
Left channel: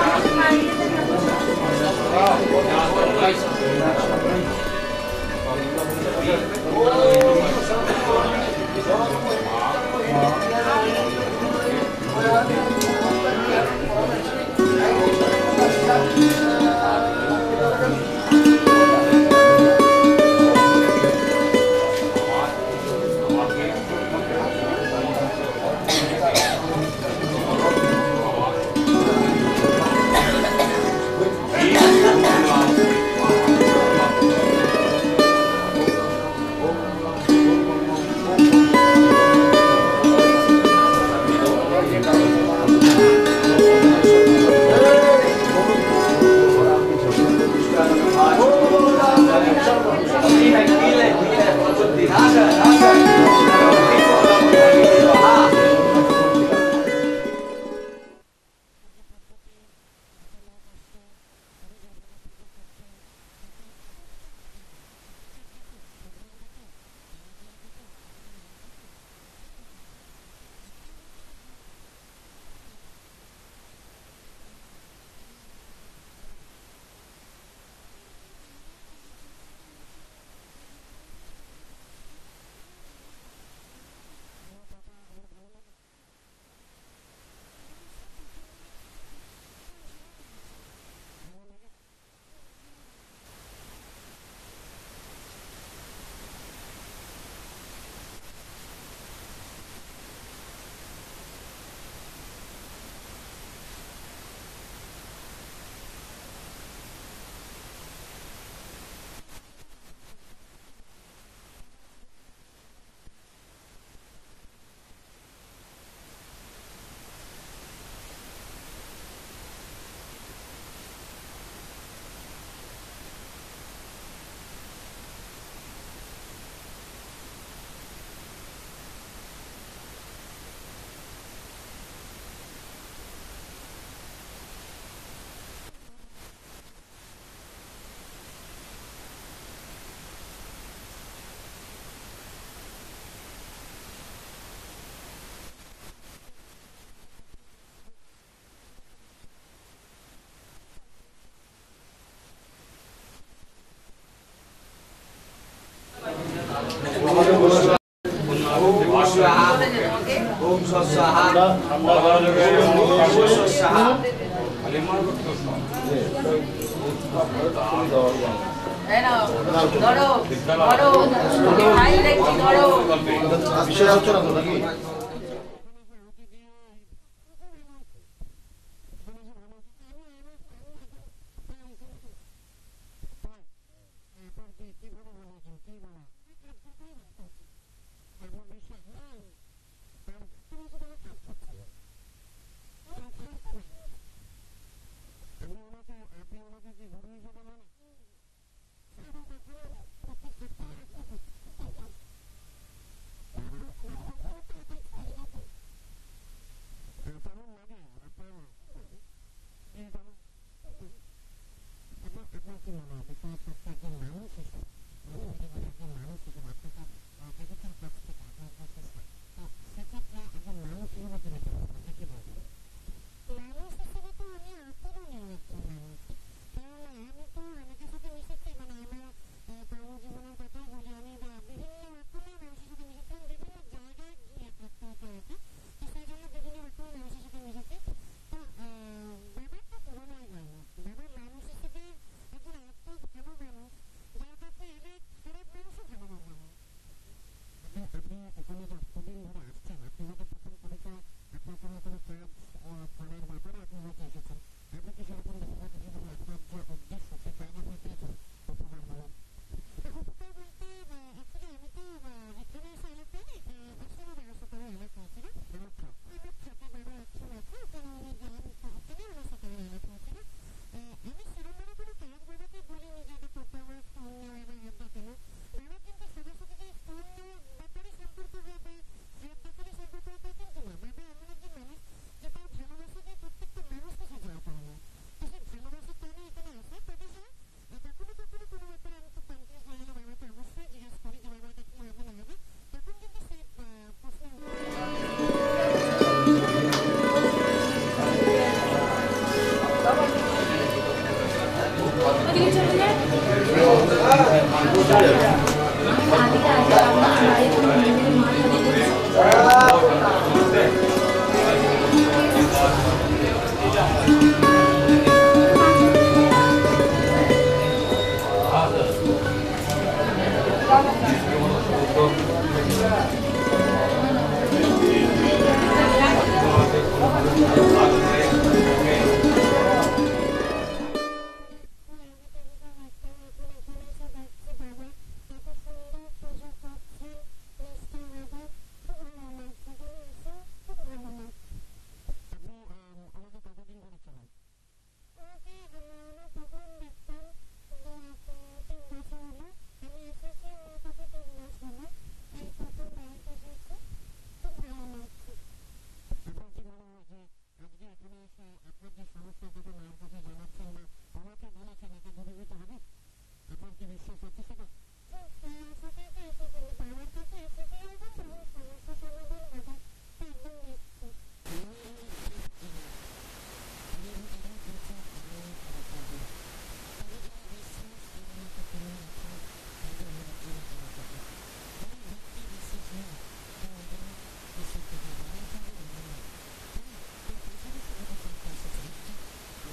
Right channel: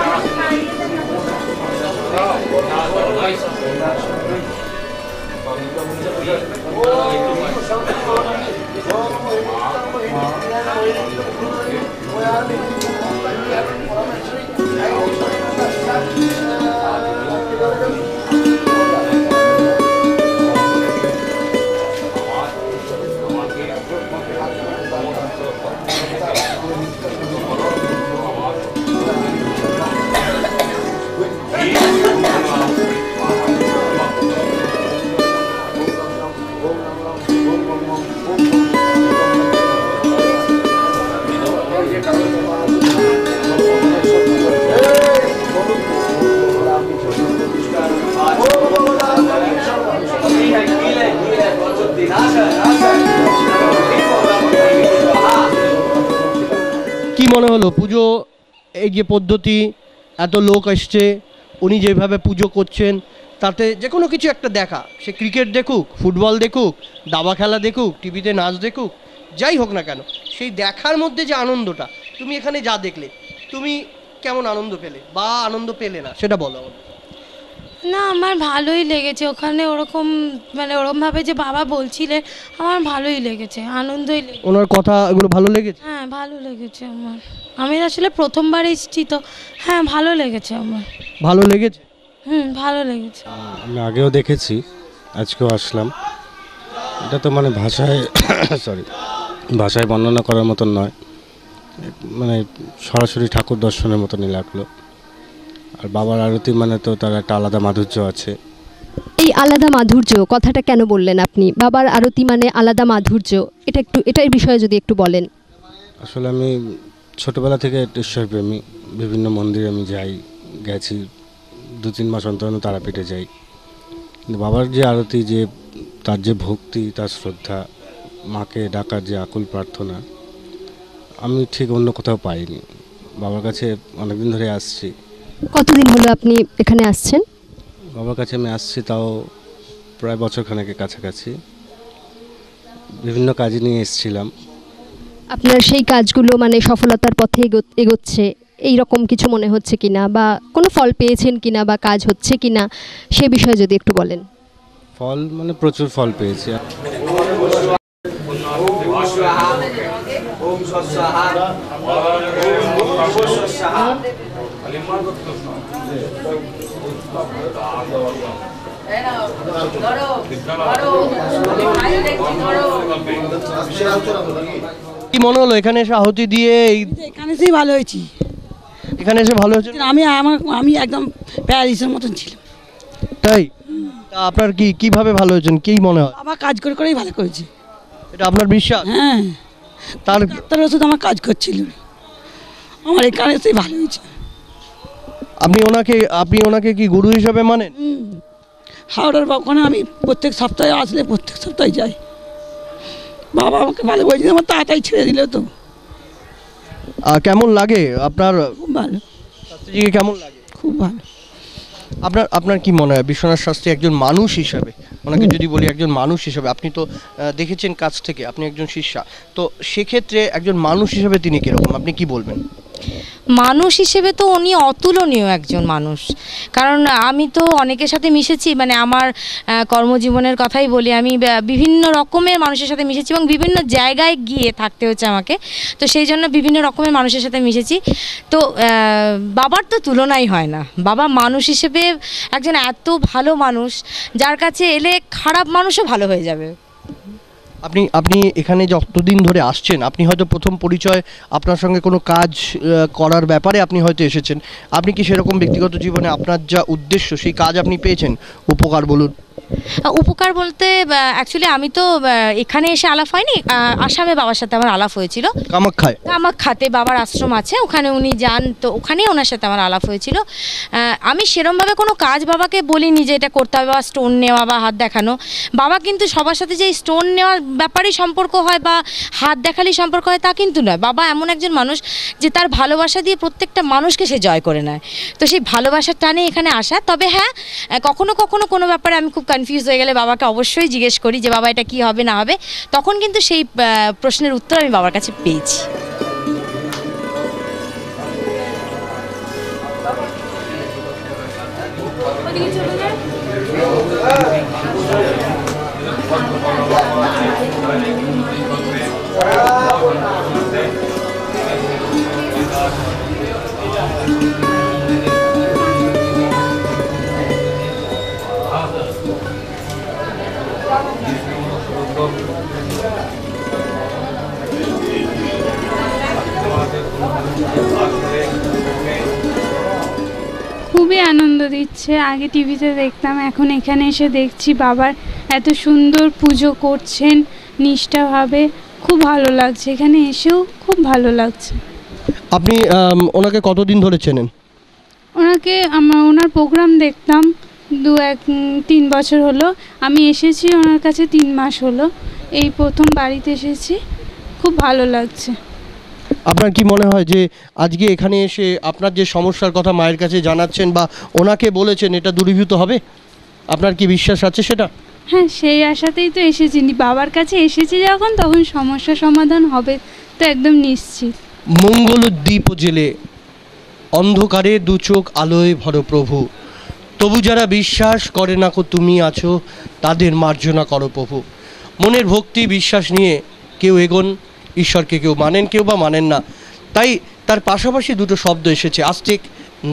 এই যে পদ্ধতি, এত লোক আসছে, উনি যেভাবে পুজো করছেন, তাতে যে কোনো কিছু একটা দেখা, সে ক্রিকেট দেখুক, ফুটবল দেখুক, দাবা খেলা দেখুক, টিভিতে নাচ দেখুক, যাই হোক না কেন, সেই দেখার মধ্যে যে আনন্দটা, তুমি এখানে যা দেখলে তুমি কেমন আনন্দ পেলে বা আনন্দ পেলে না সেটা বলো আমাকে। না, আমার ভালোই লেগেছে ওখানে, ওরকম মানে ওরকমভাবে যে বাবা বলছিলেন, আমার ভালোই লেগেছে, আনন্দই লেগেছে। ওনার কথা এগুলো ভালো লেগেছে? হ্যাঁ, ভালো লেগেছে আমার। আমি আসলে প্রথমবার এসেছি তো, হ্যাঁ ভালো লেগেছে আমার। ভালো লেগেছে? ভালো লেগেছে। আমি আগেও দেখেছি, আজকেও আসলাম। এটা তো মানে ভাষায় ভাষায় বর্ণনা করার মতন নয়, মানে সরাসরি ঠাকুর দর্শনের মতনই লাগলো। আর বাবার আরতি মানে তো তার একটা আলাদা মাধুর্য আছে। এই আলাদা মাধুর্য কথাটা কেন বললেন আপনি? বাবার আরতি মানে আলাদা মাধুর্য, এটার বিষয়ে যদি একটু বলেন। আসলে আমি ছোটবেলা থেকে ঈশ্বরপ্রেমী, বিভিন্ন মন্দিরে আমি গেছি, 2-3 মাস অন্তর তারাপীঠে যাই। কিন্তু বাবার যে আরতি, যে তার যে ভক্তি, তার শ্রদ্ধা, মাকে ডাকার যে আকুল প্রার্থনা, আমি ঠিক অন্য কোথাও পাইনি। বাবার কাছে অনেকদিন ধরে আসছি। কতদিন হলো আপনি এখানে আসছেন? বাবার কাছে আমি আসছি তাও প্রায় বছরখানেকের কাছাকাছি। বিভিন্ন কাজে নিয়ে এসেছিলাম। আপনার সেই কাজগুলো মানে সফলতার পথে এগোচ্ছে এই রকম কিছু মনে হচ্ছে কিনা, বা কোনো ফল পেয়েছেন কিনা, বা কাজ হচ্ছে কিনা, সে বিষয়ে যদি একটু বলেন। ফল মানে প্রচুর ফল পেয়েছি। কি মনে হলো এখানে এসে আহুতি দিয়ে? এখানে এসেই ভালো হয়েছি। এখানে এসে ভালো হয়েছে? আমি একদম প্যারিসের মতন ছিলাম। তাই? তা আপনার কিভাবে ভালো হয়েছেন, কি মনে হয়? আমার কাজ করেই ভালো করেছি, এটা আপনার বিশ্বাস? হ্যাঁ। তার ওষুধ আমার কাজ করছিল, আমার এখানে এসেই ভালো হয়েছে। আপনি ওনাকে কি গুরু হিসাবে মানেন? হাওড়ার ওখানে আমি প্রত্যেক সপ্তাহে আসলে প্রত্যেক সপ্তাহে যাই। বাবা আমাকে ভালো বলছে, আমার তাড়াতাড়ি ছেড়ে দিল তো। কেমন লাগে আপনার? খুব ভালো। শাস্ত্রীজিকে কেমন লাগে? খুব ভালো। আপনার কি মনে হয় বিশ্বনাথ শাস্ত্রী একজন মানুষ হিসাবে, ওনাকে যদি বলি একজন মানুষ হিসাবে, আপনি তো দেখেছেন কাছ থেকে, আপনি একজন শিষ্যা, তো সেক্ষেত্রে একজন মানুষ হিসাবে তিনি কিরকম, আপনি কি বলবেন? মানুষ হিসেবে তো উনি অতুলনীয় একজন মানুষ। কারণ আমি তো অনেকের সাথে মিশেছি, মানে আমার কর্মজীবনের কথাই বলি, আমি বিভিন্ন রকমের মানুষের সাথে মিশেছি এবং বিভিন্ন জায়গায় গিয়ে থাকতে হচ্ছে আমাকে, তো সেই জন্য বিভিন্ন রকমের মানুষের সাথে মিশেছি। তো বাবার তো তুলনাই হয় না। বাবা মানুষ হিসেবে একজন এত ভালো মানুষ, যার কাছে এলে খারাপ মানুষও ভালো হয়ে যাবে। আপনি এখানে যতদিন ধরে আসছেন, আপনি হয়তো প্রথম পরিচয় আপনার সঙ্গে কোনো কাজ করার ব্যাপারে আপনি হয়তো এসেছেন, আপনি কি সেরকম ব্যক্তিগত জীবনে আপনার যা উদ্দেশ্য সেই কাজ আপনি পেয়েছেন? উপকার বলুন। উপকার বলতে অ্যাকচুয়ালি আমি তো এখানে এসে আলাপ হয়নি, আসামে বাবার সাথে আমার আলাপ হয়েছিল। কামাখ্যাতে বাবার আশ্রম আছে, ওখানে উনি যান, তো ওখানেই ওনার সাথে আমার আলাপ হয়েছিল। আমি সেরমভাবে কোনো কাজ বাবাকে বলিনি যে এটা করতে হবে, বা স্টোন নেওয়া বা হাত দেখানো। বাবা কিন্তু সবার সাথে যে স্টোন নেওয়ার ব্যাপারেই সম্পর্ক হয় বা হাত দেখালেই সম্পর্ক হয় তা কিন্তু নয়। বাবা এমন একজন মানুষ যে তার ভালোবাসা দিয়ে প্রত্যেকটা মানুষকে সে জয় করে নেয়, তো সেই ভালোবাসার টানে এখানে আসা। তবে হ্যাঁ, কখনো কখনো কোনো ব্যাপারে আমি খুব কনফিউজ হয়ে গেলে বাবাকে অবশ্যই জিজ্ঞেস করি যে বাবা এটা কি হবে না হবে, তখন কিন্তু সেই প্রশ্নের উত্তর আমি বাবার কাছে পেয়েছি। খুবই আনন্দ দিচ্ছে। আগে টিভিতে দেখতাম, এখন এখানে এসে দেখছি বাবার এত সুন্দর পুজো করছেন নিষ্ঠাভাবে, খুব ভালো লাগছে। এখানে এসেও খুব ভালো লাগছে। আপনি ওনাকে কতদিন ধরে চেনেন? ওনার প্রোগ্রাম দেখতাম 2-3 বছর হলো। আমি এসেছি ওনার কাছে 3 মাস হলো, এই প্রথম বাড়িতে এসেছি, খুব ভালো লাগছে। আপনার কি মনে হয় যে আজকে এখানে এসে আপনার যে সমস্যার কথা মায়ের কাছে জানাচ্ছেন বা ওনাকে বলেছেন এটা দূরীভূত হবে? আপনার কি বিশ্বাস আছে সেটা? হ্যাঁ, সেই আশাতেই তো এসেছি। বাবার কাছে এসেছি যখন, তখন সমস্যা সমাধান হবে তো একদম নিশ্চিত। মঙ্গলদ্বীপ জেলে অন্ধকারে দু চোখ আলোয় ভর প্রভু, তবু যারা বিশ্বাস করে না কো তুমি আছো, তাদের মার্জনা করো প্রভু। মনের ভক্তি বিশ্বাস নিয়ে কেউ এগোন, ঈশ্বরকে কেউ মানেন, কেউ বা মানেন না। তাই তার পাশাপাশি দুটো শব্দ এসেছে, আস্তিক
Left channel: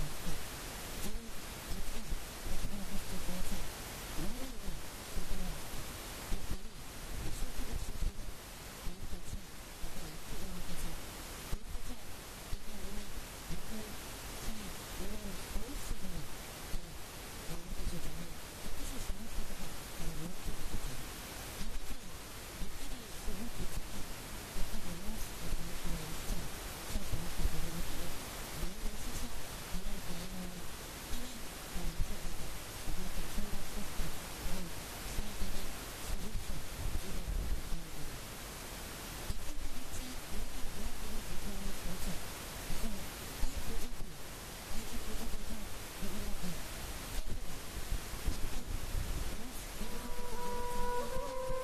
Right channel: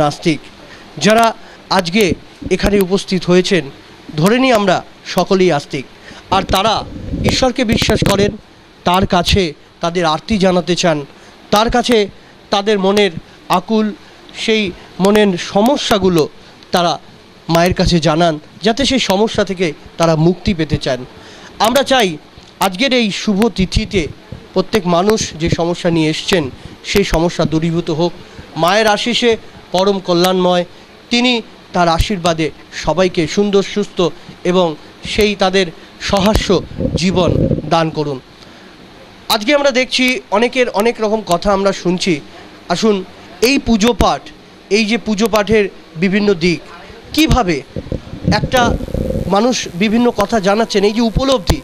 নাস্তিক। যারা আজকে এখানে উপস্থিত হয়েছেন, ধরে নিই আমরা সকলেই আস্তিক, আর তারা ঈশ্বরকে বিশ্বাস করেন, তার কাছে তাদের আরতি জানাতে চান, তার কাছে তাদের মনের আকুল সেই মনের সমস্যাগুলো তারা মায়ের কাছে জানান, যাতে সেই সমস্যা থেকে তারা মুক্তি পেতে চান। আমরা চাই আজকের এই শুভ তিথিতে প্রত্যেক মানুষ যে সমস্যা নিয়ে এসছেন সেই সমস্যা দূরীভূত হোক। মায়ের আশিসে পরম কল্যাণময়, তিনি তার আশীর্বাদে সবাইকে সুন্দর সুস্থ এবং সেই তাদের সহাস্য জীবন দান করুন। আজকে আমরা দেখছি অনেকের অনেক রকম কথা আমরা শুনছি। আসুন এই পুজো পাঠ, এই যে পুজো পাঠের বিভিন্ন দিক, কিভাবে একটা মানুষ বিভিন্ন কথা জানাচ্ছেন, এই যে উপলব্ধি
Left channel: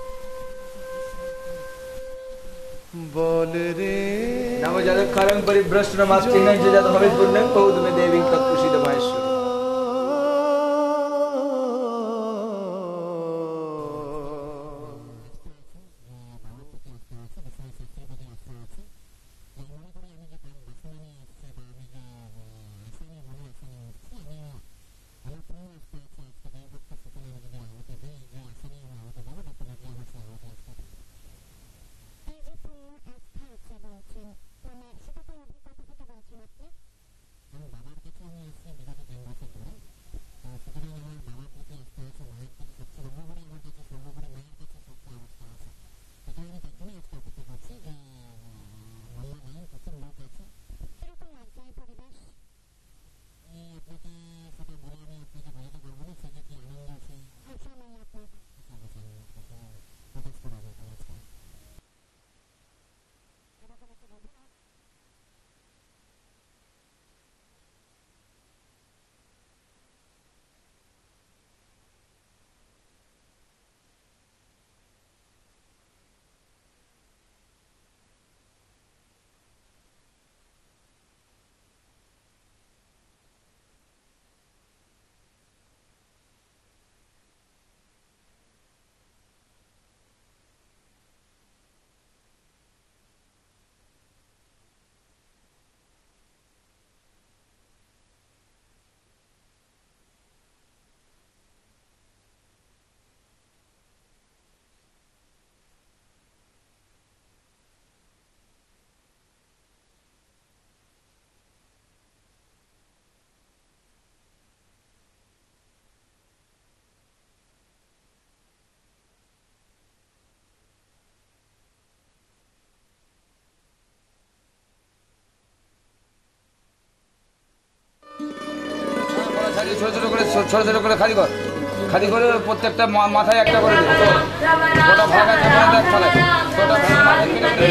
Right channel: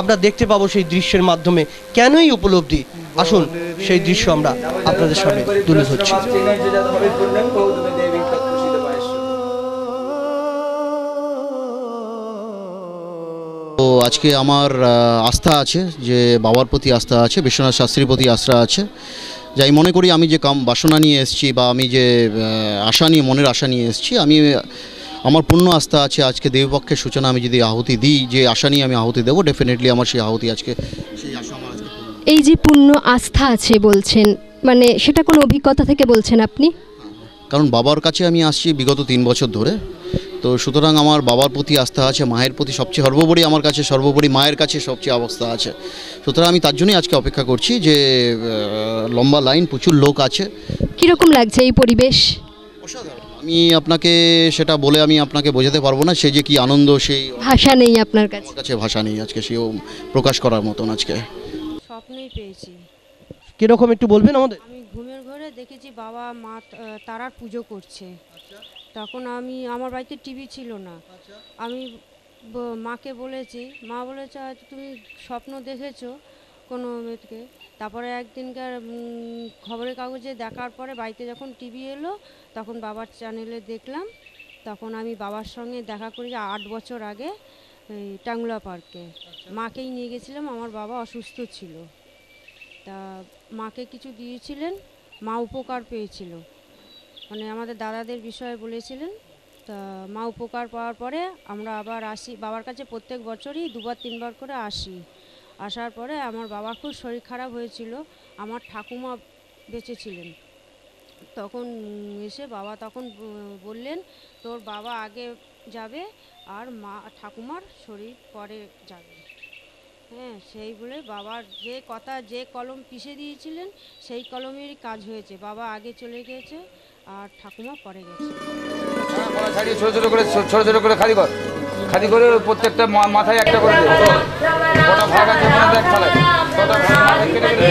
আমরা দেখতে পাবো সেই দৃশ্যের মাধ্যমে। কেনই উপলব্ধি, আসুন সেই দৃশ্য আমরা আপনাদের সামনে তুলে ধরছি। তো আজকে আমার আস্থা আছে, যে বাবার প্রতি আস্থা আছে, বিশ্বনাথ শাস্ত্রীর প্রতি আস্থা আছে। যাই মনে করি আমি যে বাসনা নিয়ে এসেছি বা আমি যে আশা নিয়ে, মনের আশা নিয়ে এসেছি, আমি আমার পূর্ণ আস্থা আছে আজকে দেবীপক্ষের সূচনা আমি যদি আহুতি দিই, যে আশা নিয়ে আমি আহুতি দেবো, ডেফিনেটলি আমার সেই আহুতি আজকে, সেই আশা আমার আজকে। এই যে পূর্ণ আস্থা আছে বলছেন, মানে সেটা কোনো অভিজ্ঞতা থেকে বলছেন আপনি? কারণ বাবার কাছে আমি আসছি বিগত 3 বছর ধরে, তো সুতরাং আমার বাবার প্রতি আস্থা আছে, মায়ের প্রতি সবচেয়ে সর্বোপরি, আমার কাছে সর্বোপরি মায়ের কাছে সবচেয়ে অবস্থা আছে। সুতরাং আমি তার জন্যই আজকে অপেক্ষা করছি, যে লম্বা লাইন, প্রচুর লোক আছে। কীরকম লাগছে এই পরিবেশ? আমি আপনাকে সেটা বলে আমি আপনাকে বোঝাতে পারবো না, সে যে কি আনন্দ, সেই ভাষা নেই আপনার কাছে? আমার কাছে ভাষা নেই আজকে সেও প্রকাশ করার মতন। আজকে স্বপ্নেই পেয়েছি। কিরকম একটু বলবেন আমাদের? আমি ঘুমের ঘরে দেখেছি বাবা মা তারার পুজো করছে। তখন আমার বাড়িতে টিভি ছিল না, আমি মাকে বলেছি, মা বলেছে হয়তো তুমি স্বপ্ন দেখেছো কোনো মেয়েকে। তারপরে একদিনকার খবরের কাগজে দেখার পরে বাড়িতে যখন টিভি এলো, তখন বাবার চ্যানেলে দেখলাম। তখন আমি বাবার সঙ্গে দেখা করি 8 বছর আগে টাঙ্গুলা পার্কে। মাকেই নিয়ে গেছিলাম, আমার বাবা অসুস্থ ছিল। তা মাকে কিছু দিয়েছিলেন, মা উপকার পেয়েছিল, মানে আমাদের দাদাদের বিষয়ে বলেছিলেন। তা মা উপকার পাওয়ার পরে আমরা আবার আসি বাবার কাছে, প্রত্যেক বছরই 2-3 বার করে আসি। আসার পরে আমার বাবার খুব শরীর খারাপ হয়েছিল, আমার ঠাকুমা বেঁচে ছিলেন। তখন এসে বাবা তখন বললেন তোর বাবা আগে যাবে আর মা ঠাকুমার শরীর পরে যাবে। হ্যাঁ, সেই বলে বাবার যে কথা, যে কলম পিষে দিয়েছিলেন সেই কলমেরই কাজ হয়েছে। বাবা আগে চলে গেছে আর ঠাকুমা পরে গেছে। ছোট ছোট করে খালি করে প্রত্যেকটা মাথায় একটা করে ওটা ভাগ আছে, দেখ তাহলে ওটা মাথায় কেটে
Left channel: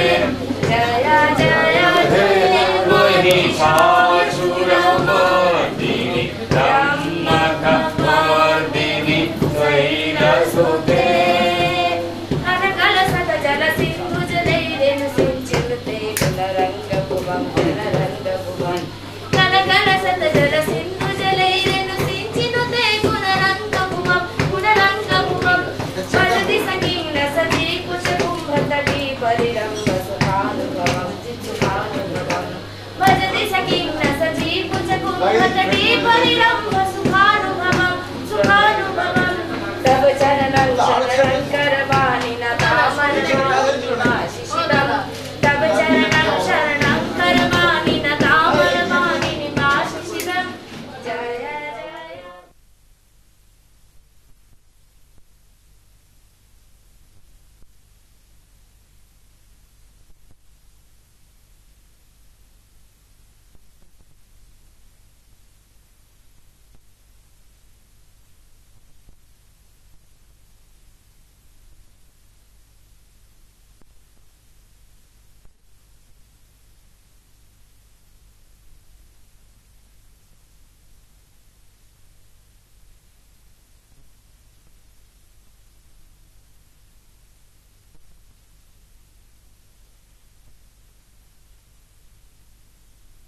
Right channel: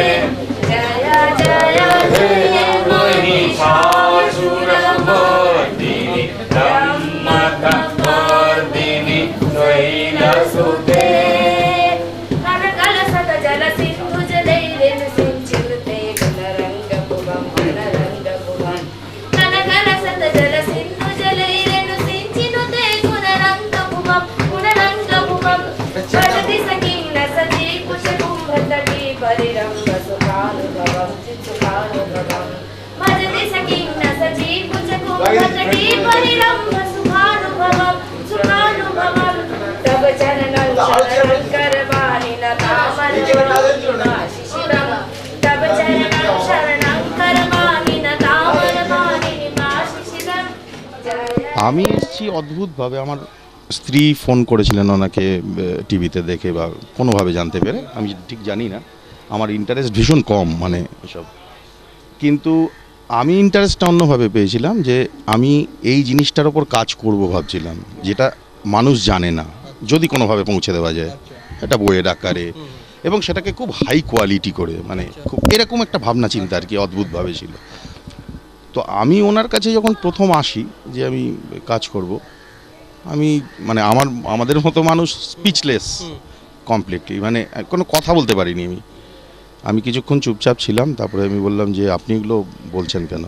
আমি এসেছি অদ্ভুতভাবে। আমার স্ত্রী ফোন করেছিলেন ওনাকে টিভিতে দেখে বা কোনোভাবে জানতে পেরে, আমি ঠিক জানি না, আমার ইন্টারেস্ট ভীষণ কম মানে এসব, কিন্তু আমি ইন্টারেস্টটা অন্যভাবে পেয়েছিলাম, যে আমি এই জিনিসটার ওপর কাজ করব ভাবছিলাম, যেটা মানুষ জানে না, যদি কোনোভাবে পৌঁছে দেওয়া যায়, একটা বইয়ের আকারে এবং সেটাকে খুব হাই কোয়ালিটি করে, মানে খুব এরকম একটা ভাবনা চিন্তা আর কি, অদ্ভুতভাবে ছিল। তো আমি ওনার কাছে যখন প্রথম আসি যে আমি কাজ করব, আমি মানে আমাদের মতো মানুষ স্পিচলেস কমপ্লিটলি, মানে কোনো কথা বলতে পারিনি। আমি কিছুক্ষণ চুপচাপ ছিলাম, তারপরে আমি বললাম যে আপনি এগুলো বলছেন কেন?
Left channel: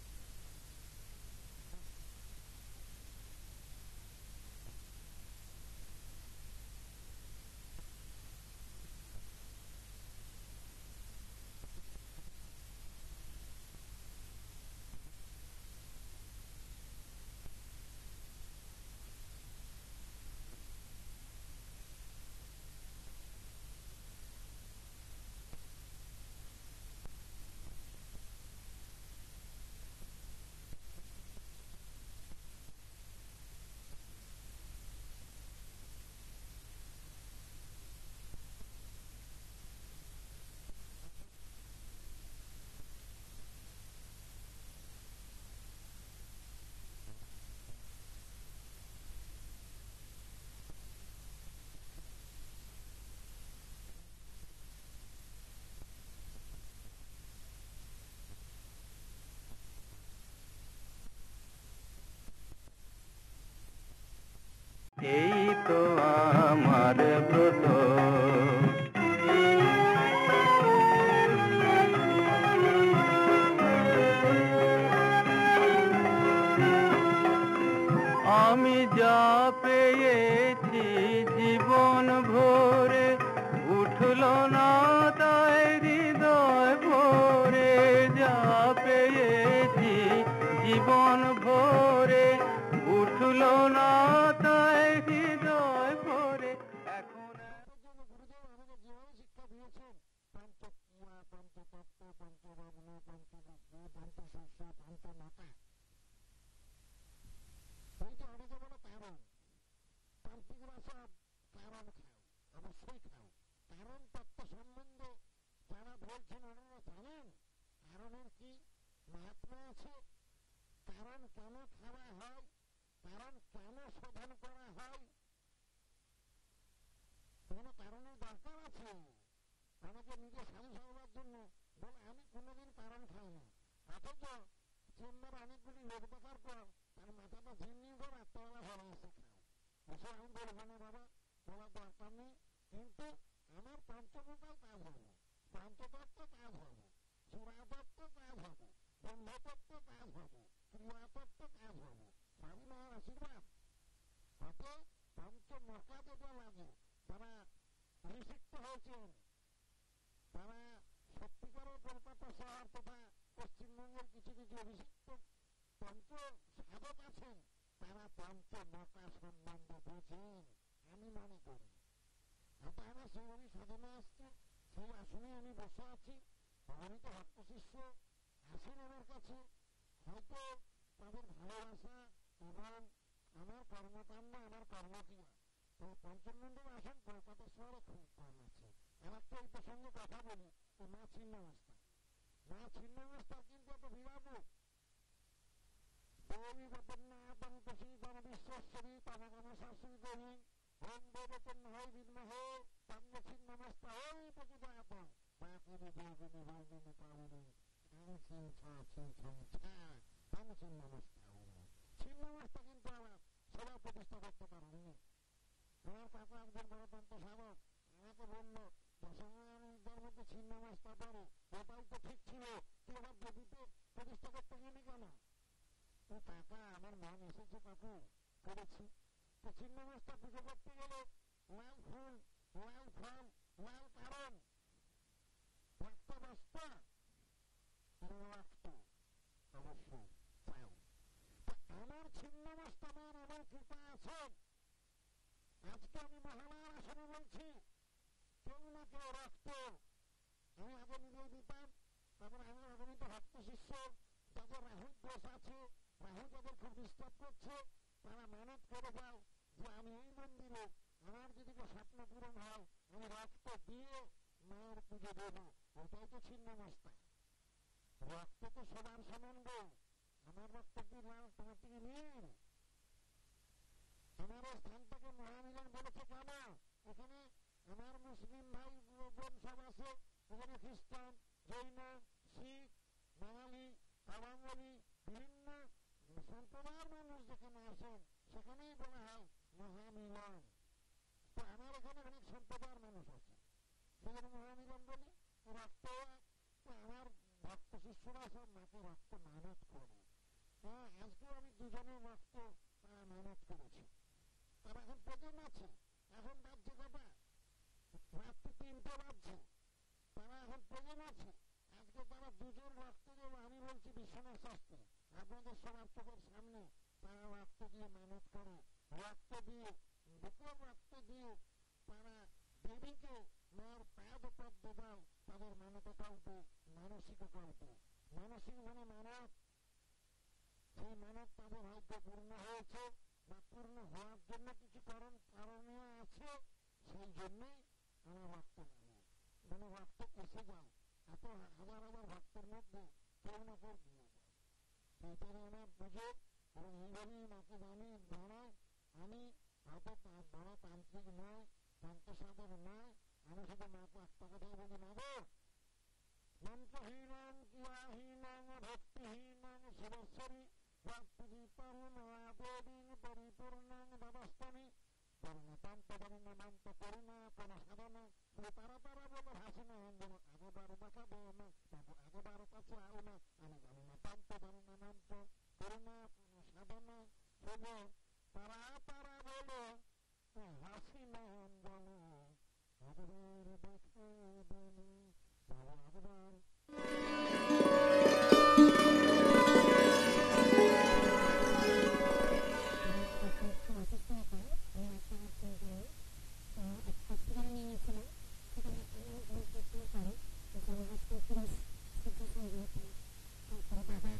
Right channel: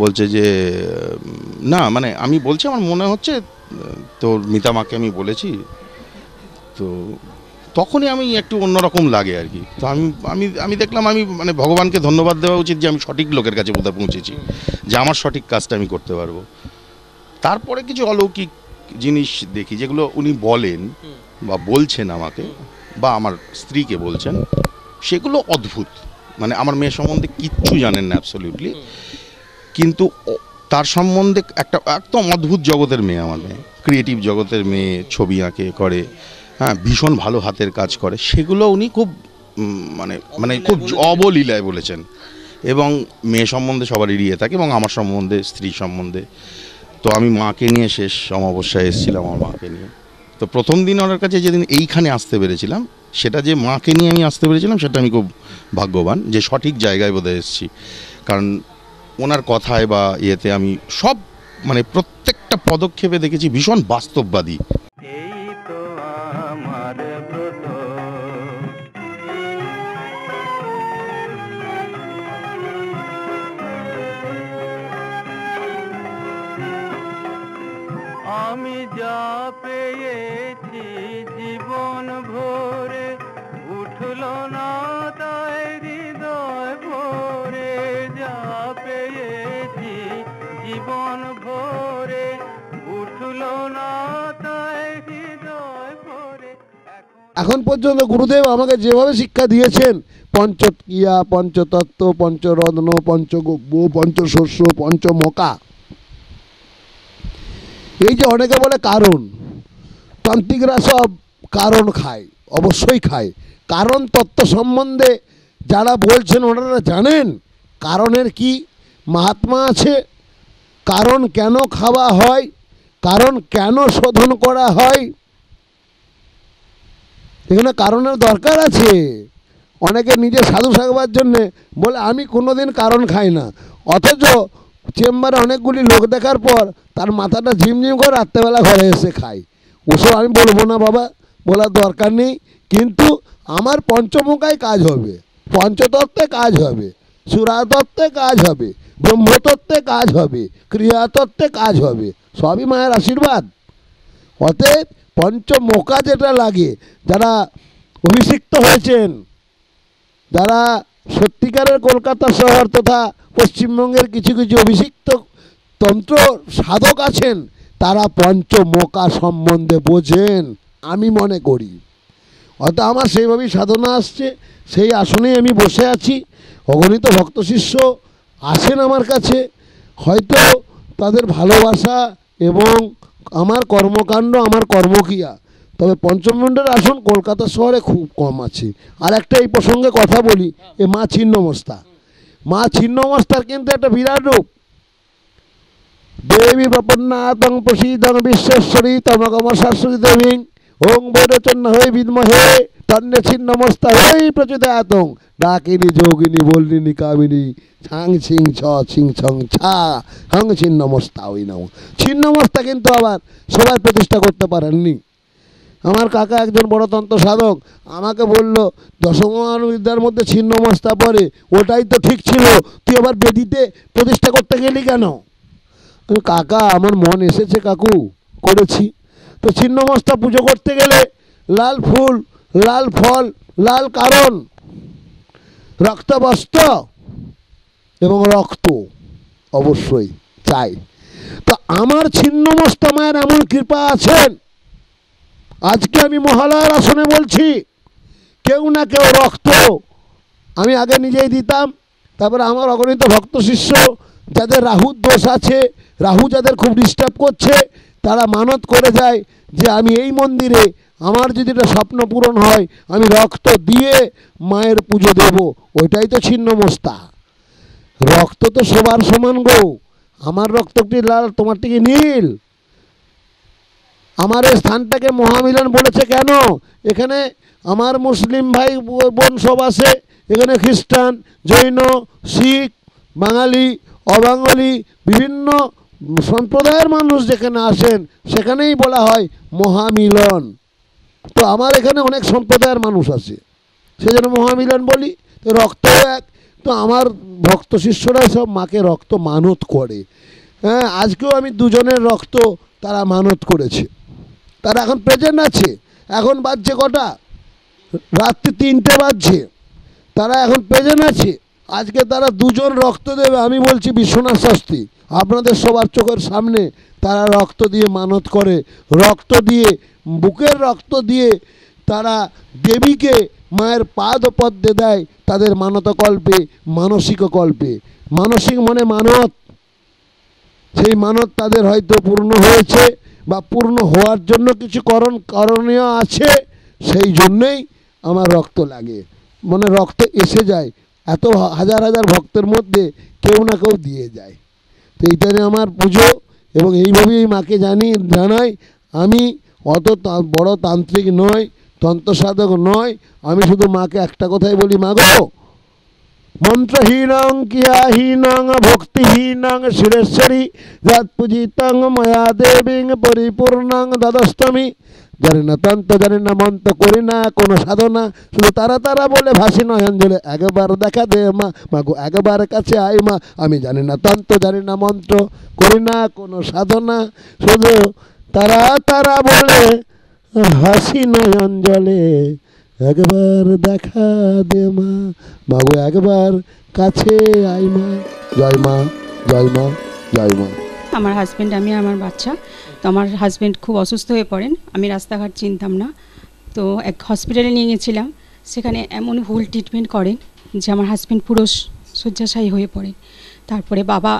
বলছে যে না মানে আমি বলছি আমার মনে হচ্ছে তোর মিতা মাকে আমি বলেছি, তো তখনই আমি একটু অন্যরকম লাগে আর কি। তো আমি দেখলাম আমি মানে ভগবানকে ধন্যবাদ দেওয়া উচিত যে আমি সঠিক লোকের কাছে বোধহয় পৌঁছেছি, যে আমার সঠিক কাজটা আমি করতে পারবো। তারপরে কিছু অলৌকিক জিনিস দেখি যেগুলো উনি বলেন বা বলছেন আমাকে বা আমার স্ত্রীকে বলছেন, সেগুলো অদ্ভুত। মানে আমার মেয়ে সম্বন্ধে কিচ্ছু জানেন না অ্যাবসলিউটলি, কিন্তু তার সম্বন্ধে একটা একদম অদ্ভুত জগতের মেয়ে আমার মেয়ে, ক্রিয়েটিভ জগতের মেয়ে, ছবি আঁকে করে, হ্যাঁ ভীষণ ভালো হাতের কাজ করে, সেগুলো উনি খুব মানে খুব অবলীলায় বলেছেন। এবং মেয়ে সম্বন্ধে সবার এড়িয়ে থাকে, এবং আমার সম্বন্ধে, স্ত্রী সম্বন্ধে। তো আমি মাকে নিয়ে শেষ অমাবস্যায় এসেছিলাম, আমার মাকে নিয়ে। তো প্রথম দিন ওনার কাছে যেদিন এইখানে আসতে পেরেছিলাম, সেটা যে মাকে নিয়ে আমি আসতে পেরেছিলাম, সেটা আমি খুব ভাগ্যবান যে সঠিক জায়গায় বোধহয় এসেছি। কারণ ওনার কথায় বা ইয়েতে আমি সব মানে প্রত্যেকটা পদক্ষেপে দেখেছি ভীষণ বাস্তববাদী। এই তো আমার ব্রত, আমি যা পেয়েছি জীবন ভরে, উঠল না তাই হৃদয় ভরে। যা পেয়েছি জীবন ভরে, উঠল না তাই হৃদয় ভরে। এখন পর্যন্ত গুরুদেব আমাকে যেভাবে শিক্ষা দিয়েছেন, পঞ্চক্রিয়া, পঞ্চতত্ত্ব, পঞ্চরত্ন, পঞ্চগব্য, পঞ্চশস্য, পঞ্চমকা, এই যে অনেকে বলে কারণ, তান্ত্রিকরা সব কারণ খায়, অবশ্যই খায়। কারণ তত্ত্ব সম্বন্ধে যারা বলছেন ওনারা জানেন কারণের কি মাহাত্ম্য আছে, কারণ কেন খাওয়া হয়, কারণ কেন শোধন করা হয়, এখানে কারণের দরকার আছে। অনেকে নিজে সাধু থাকবার জন্যে বলে আমি কোনোদিন কারণ খাই না, অথচ চেম্বারে অনেকগুলি লোক দেখার পর তার মাথাটা ঝিমঝিম করে রাত্রেবেলা ঘরে এসে খায়। ওসব আমি বলবো না বাবা, বলার দরকার নেই। কিন্তু আমার পঞ্চমুখায় কাজ হবে, পঞ্চতত্ত্বে কাজ হবে, সুরাতত্ত্বে কাজ হবে, ব্রহ্মতত্ত্বে কাজ হবে, ক্রিয়াতত্ত্বে কাজ হবে, সবই মায়ের আশীর্বাদ। অতএব পঞ্চমুখা যেটা লাগে, যারা অভিষিক্ত হয়েছেন, যারা সত্যিকারের কলকাতা শহর তথা পশ্চিমবঙ্গের কিছু কিছু অভিষিক্ত তন্ত্র সাধক আছেন, তারা পঞ্চমুখা সম্বন্ধে বোঝেন আমি মনে করি। অর্থাৎ আমার সেইভাবেই সাধনা আসছে, সেই আসনেই আমি বসে আছি। অগণিত ভক্ত শিষ্য আসেন আমার কাছে, হয়তো তাদের ভালোবাসা এবং আমার কর্মকাণ্ড, আমার কর্মক্রিয়া, তবে পঞ্চমুণ্ডের আসন কলকাতা শহরে খুব কম আছে। আর একটা এই প্রসঙ্গে কথা বলি, এ মা ছিন্নমস্তা, মা ছিন্নমস্তার কিন্তু একটা বিরাট রূপ। দেবী প্রপন্নাতং প্রসীদং বিশ্বেশ্বরী তমগম শাশ্বতী দেবী ওং বৈরচন্ন হয়ে বিদ্মহে তন্নে ছিন্নমস্তা হয়ে প্রচোদয়াতং ডাকিনী যোগিনী বল্লিনী কামিনী ছাং ছিং ছ ছিং ছং ছা হং ছিন্নমস্তা ওই নাও। ছিন্নমস্তা কিন্তু আবার সবাই প্রতিষ্ঠা করতে পারেননি। আমার কাকা একজন বড় তন্ত্র সাধক আমাকে বলল, দশমান বিদ্যার মধ্যে ছিন্নমস্তা পড়ে, ওটাই তো ঠিক ছিল, তুই আবার বেদিতে প্রতিষ্ঠা করতে গেলি কেন? কাকা আমার মন এসেছে কাকু, করেছি। তো ছিন্নমস্তা পুজো করতে গেলে লাল ফুল, লাল ফল, লাল কারণ, রক্তবস্ত্র এবং রক্ত অবশ্যই চাই। তো আমার ছিন্নমস্তা মায়ের এমন কৃপা আছেন, আজকে আমি মহালয়ার আসনে বলছি, কেউ না কেউ রক্ত আমি আগে নিজেই দিতাম। তারপরে আমার অগণিত ভক্ত শিষ্য যাদের রাহুর দোষ আছে, রাহু যাদের খুব ডিস্টার্ব করছে, তারা মানত করে যায় যে আমি এই মন্দিরে আমার যদি এটা স্বপ্ন পূরণ হয় আমি রক্ত দিয়ে মায়ের পুজো দেব। ওইটাই তো ছিন্নমস্তা। রক্ত তো সবার সমান গো, আমার রক্তটি লাল, তোমারটি কি নীল? আমার এই স্থানটাকে মহামিলন বলেছে কেন? এখানে আমার মুসলিম ভাই বোন সব আছে, এখানে খ্রিস্টান, জৈন, শিখ, বাঙালি, অবাঙালি বিভিন্ন সম্প্রদায়ের মানুষ যেখানে আসেন সেখানেই বলা হয় মহামিলন। তো আমার এখানে অনেক সম্প্রদায়ের মানুষ আছে, সেজন্য মহামিলন বলি। তো রক্ত এক, তো আমার ভক্ত শিষ্যরা সব মাকে রক্ত মানত করে। হ্যাঁ, আজকেও আমি দুজনের রক্ত তারা মানত করেছে, তারা এখন প্রেজেন্ট আছে। এখন বাজছে কটা? রাত্রি 3টে বাজছে, তারা এখন প্রেজেন্ট আছে। আজকে তারা দুজন রক্ত দেবে। আমি বলছি বিশ্বনাথ শাস্ত্রী, আপনাদের সবার চোখের সামনে তারা রক্ত দিয়ে মানত করে, রক্ত দিয়ে, বুকের রক্ত দিয়ে তারা দেবীকে মায়ের পাদপদ্মে দেয় তাদের মানতকল্পে, মানসিক কল্পে। মানসিক মনে মানত, সেই মানত তাদের হয়তো পূর্ণ হয়েছে বা পূর্ণ হওয়ার জন্য কিছু করণীয় আছে, সেই জন্যেই আমার রক্ত লাগে, মানে রক্ত এসে যায়। এত হাজার হাজার ভক্তের মধ্যে কেউ না কেউ দিয়ে যায়। তো এইটাই আমার পুজো, এবং এইভাবেই মাকে জানাই। আমি অত বড় তান্ত্রিক নয়, তন্ত্রসাধক নয়, আমি শুধু মাকে একটা কথাই বলি, মাগো মন্ত্রহীনং ক্রিয়াহীনং ভক্তিহীনং সুরেশ্বরী যৎপূজিতং ময়া দেবীং পরিপূর্ণং দদস্তমি। জানি না তন্ত্র, জানি না মন্ত্র, করি না কোনো সাধনা, শুধু তারা তারা বলে ভাসি নয়ন জলে। একবার দেখা দে মা, মাগো একবার কাছে আয় মা। আমি জানি না তন্ত্র, জানি না মন্ত্র, করি না কোনো সাধনা, শুধু তারা তারা বলে হাসি নয়ন জলে। একবার দেখা দে মা, মাগো একবার কাছে আয় মা। জয় মা, জয় মা, জয় মা। আমার হাজব্যান্ড, আমি আমার বাচ্চা। তো আমার হাজব্যান্ড খুব অসুস্থ হয়ে পড়েন, আমি রাস্তাঘাট চিনতাম না, তো এক হসপিটালে নিয়ে গেছিলাম। সেখানে এমন ভুল ট্রিটমেন্ট করেন যে আমার হাজব্যান্ড পুরো শয্যাশায়ী হয়ে পড়ে। তারপরে বাবা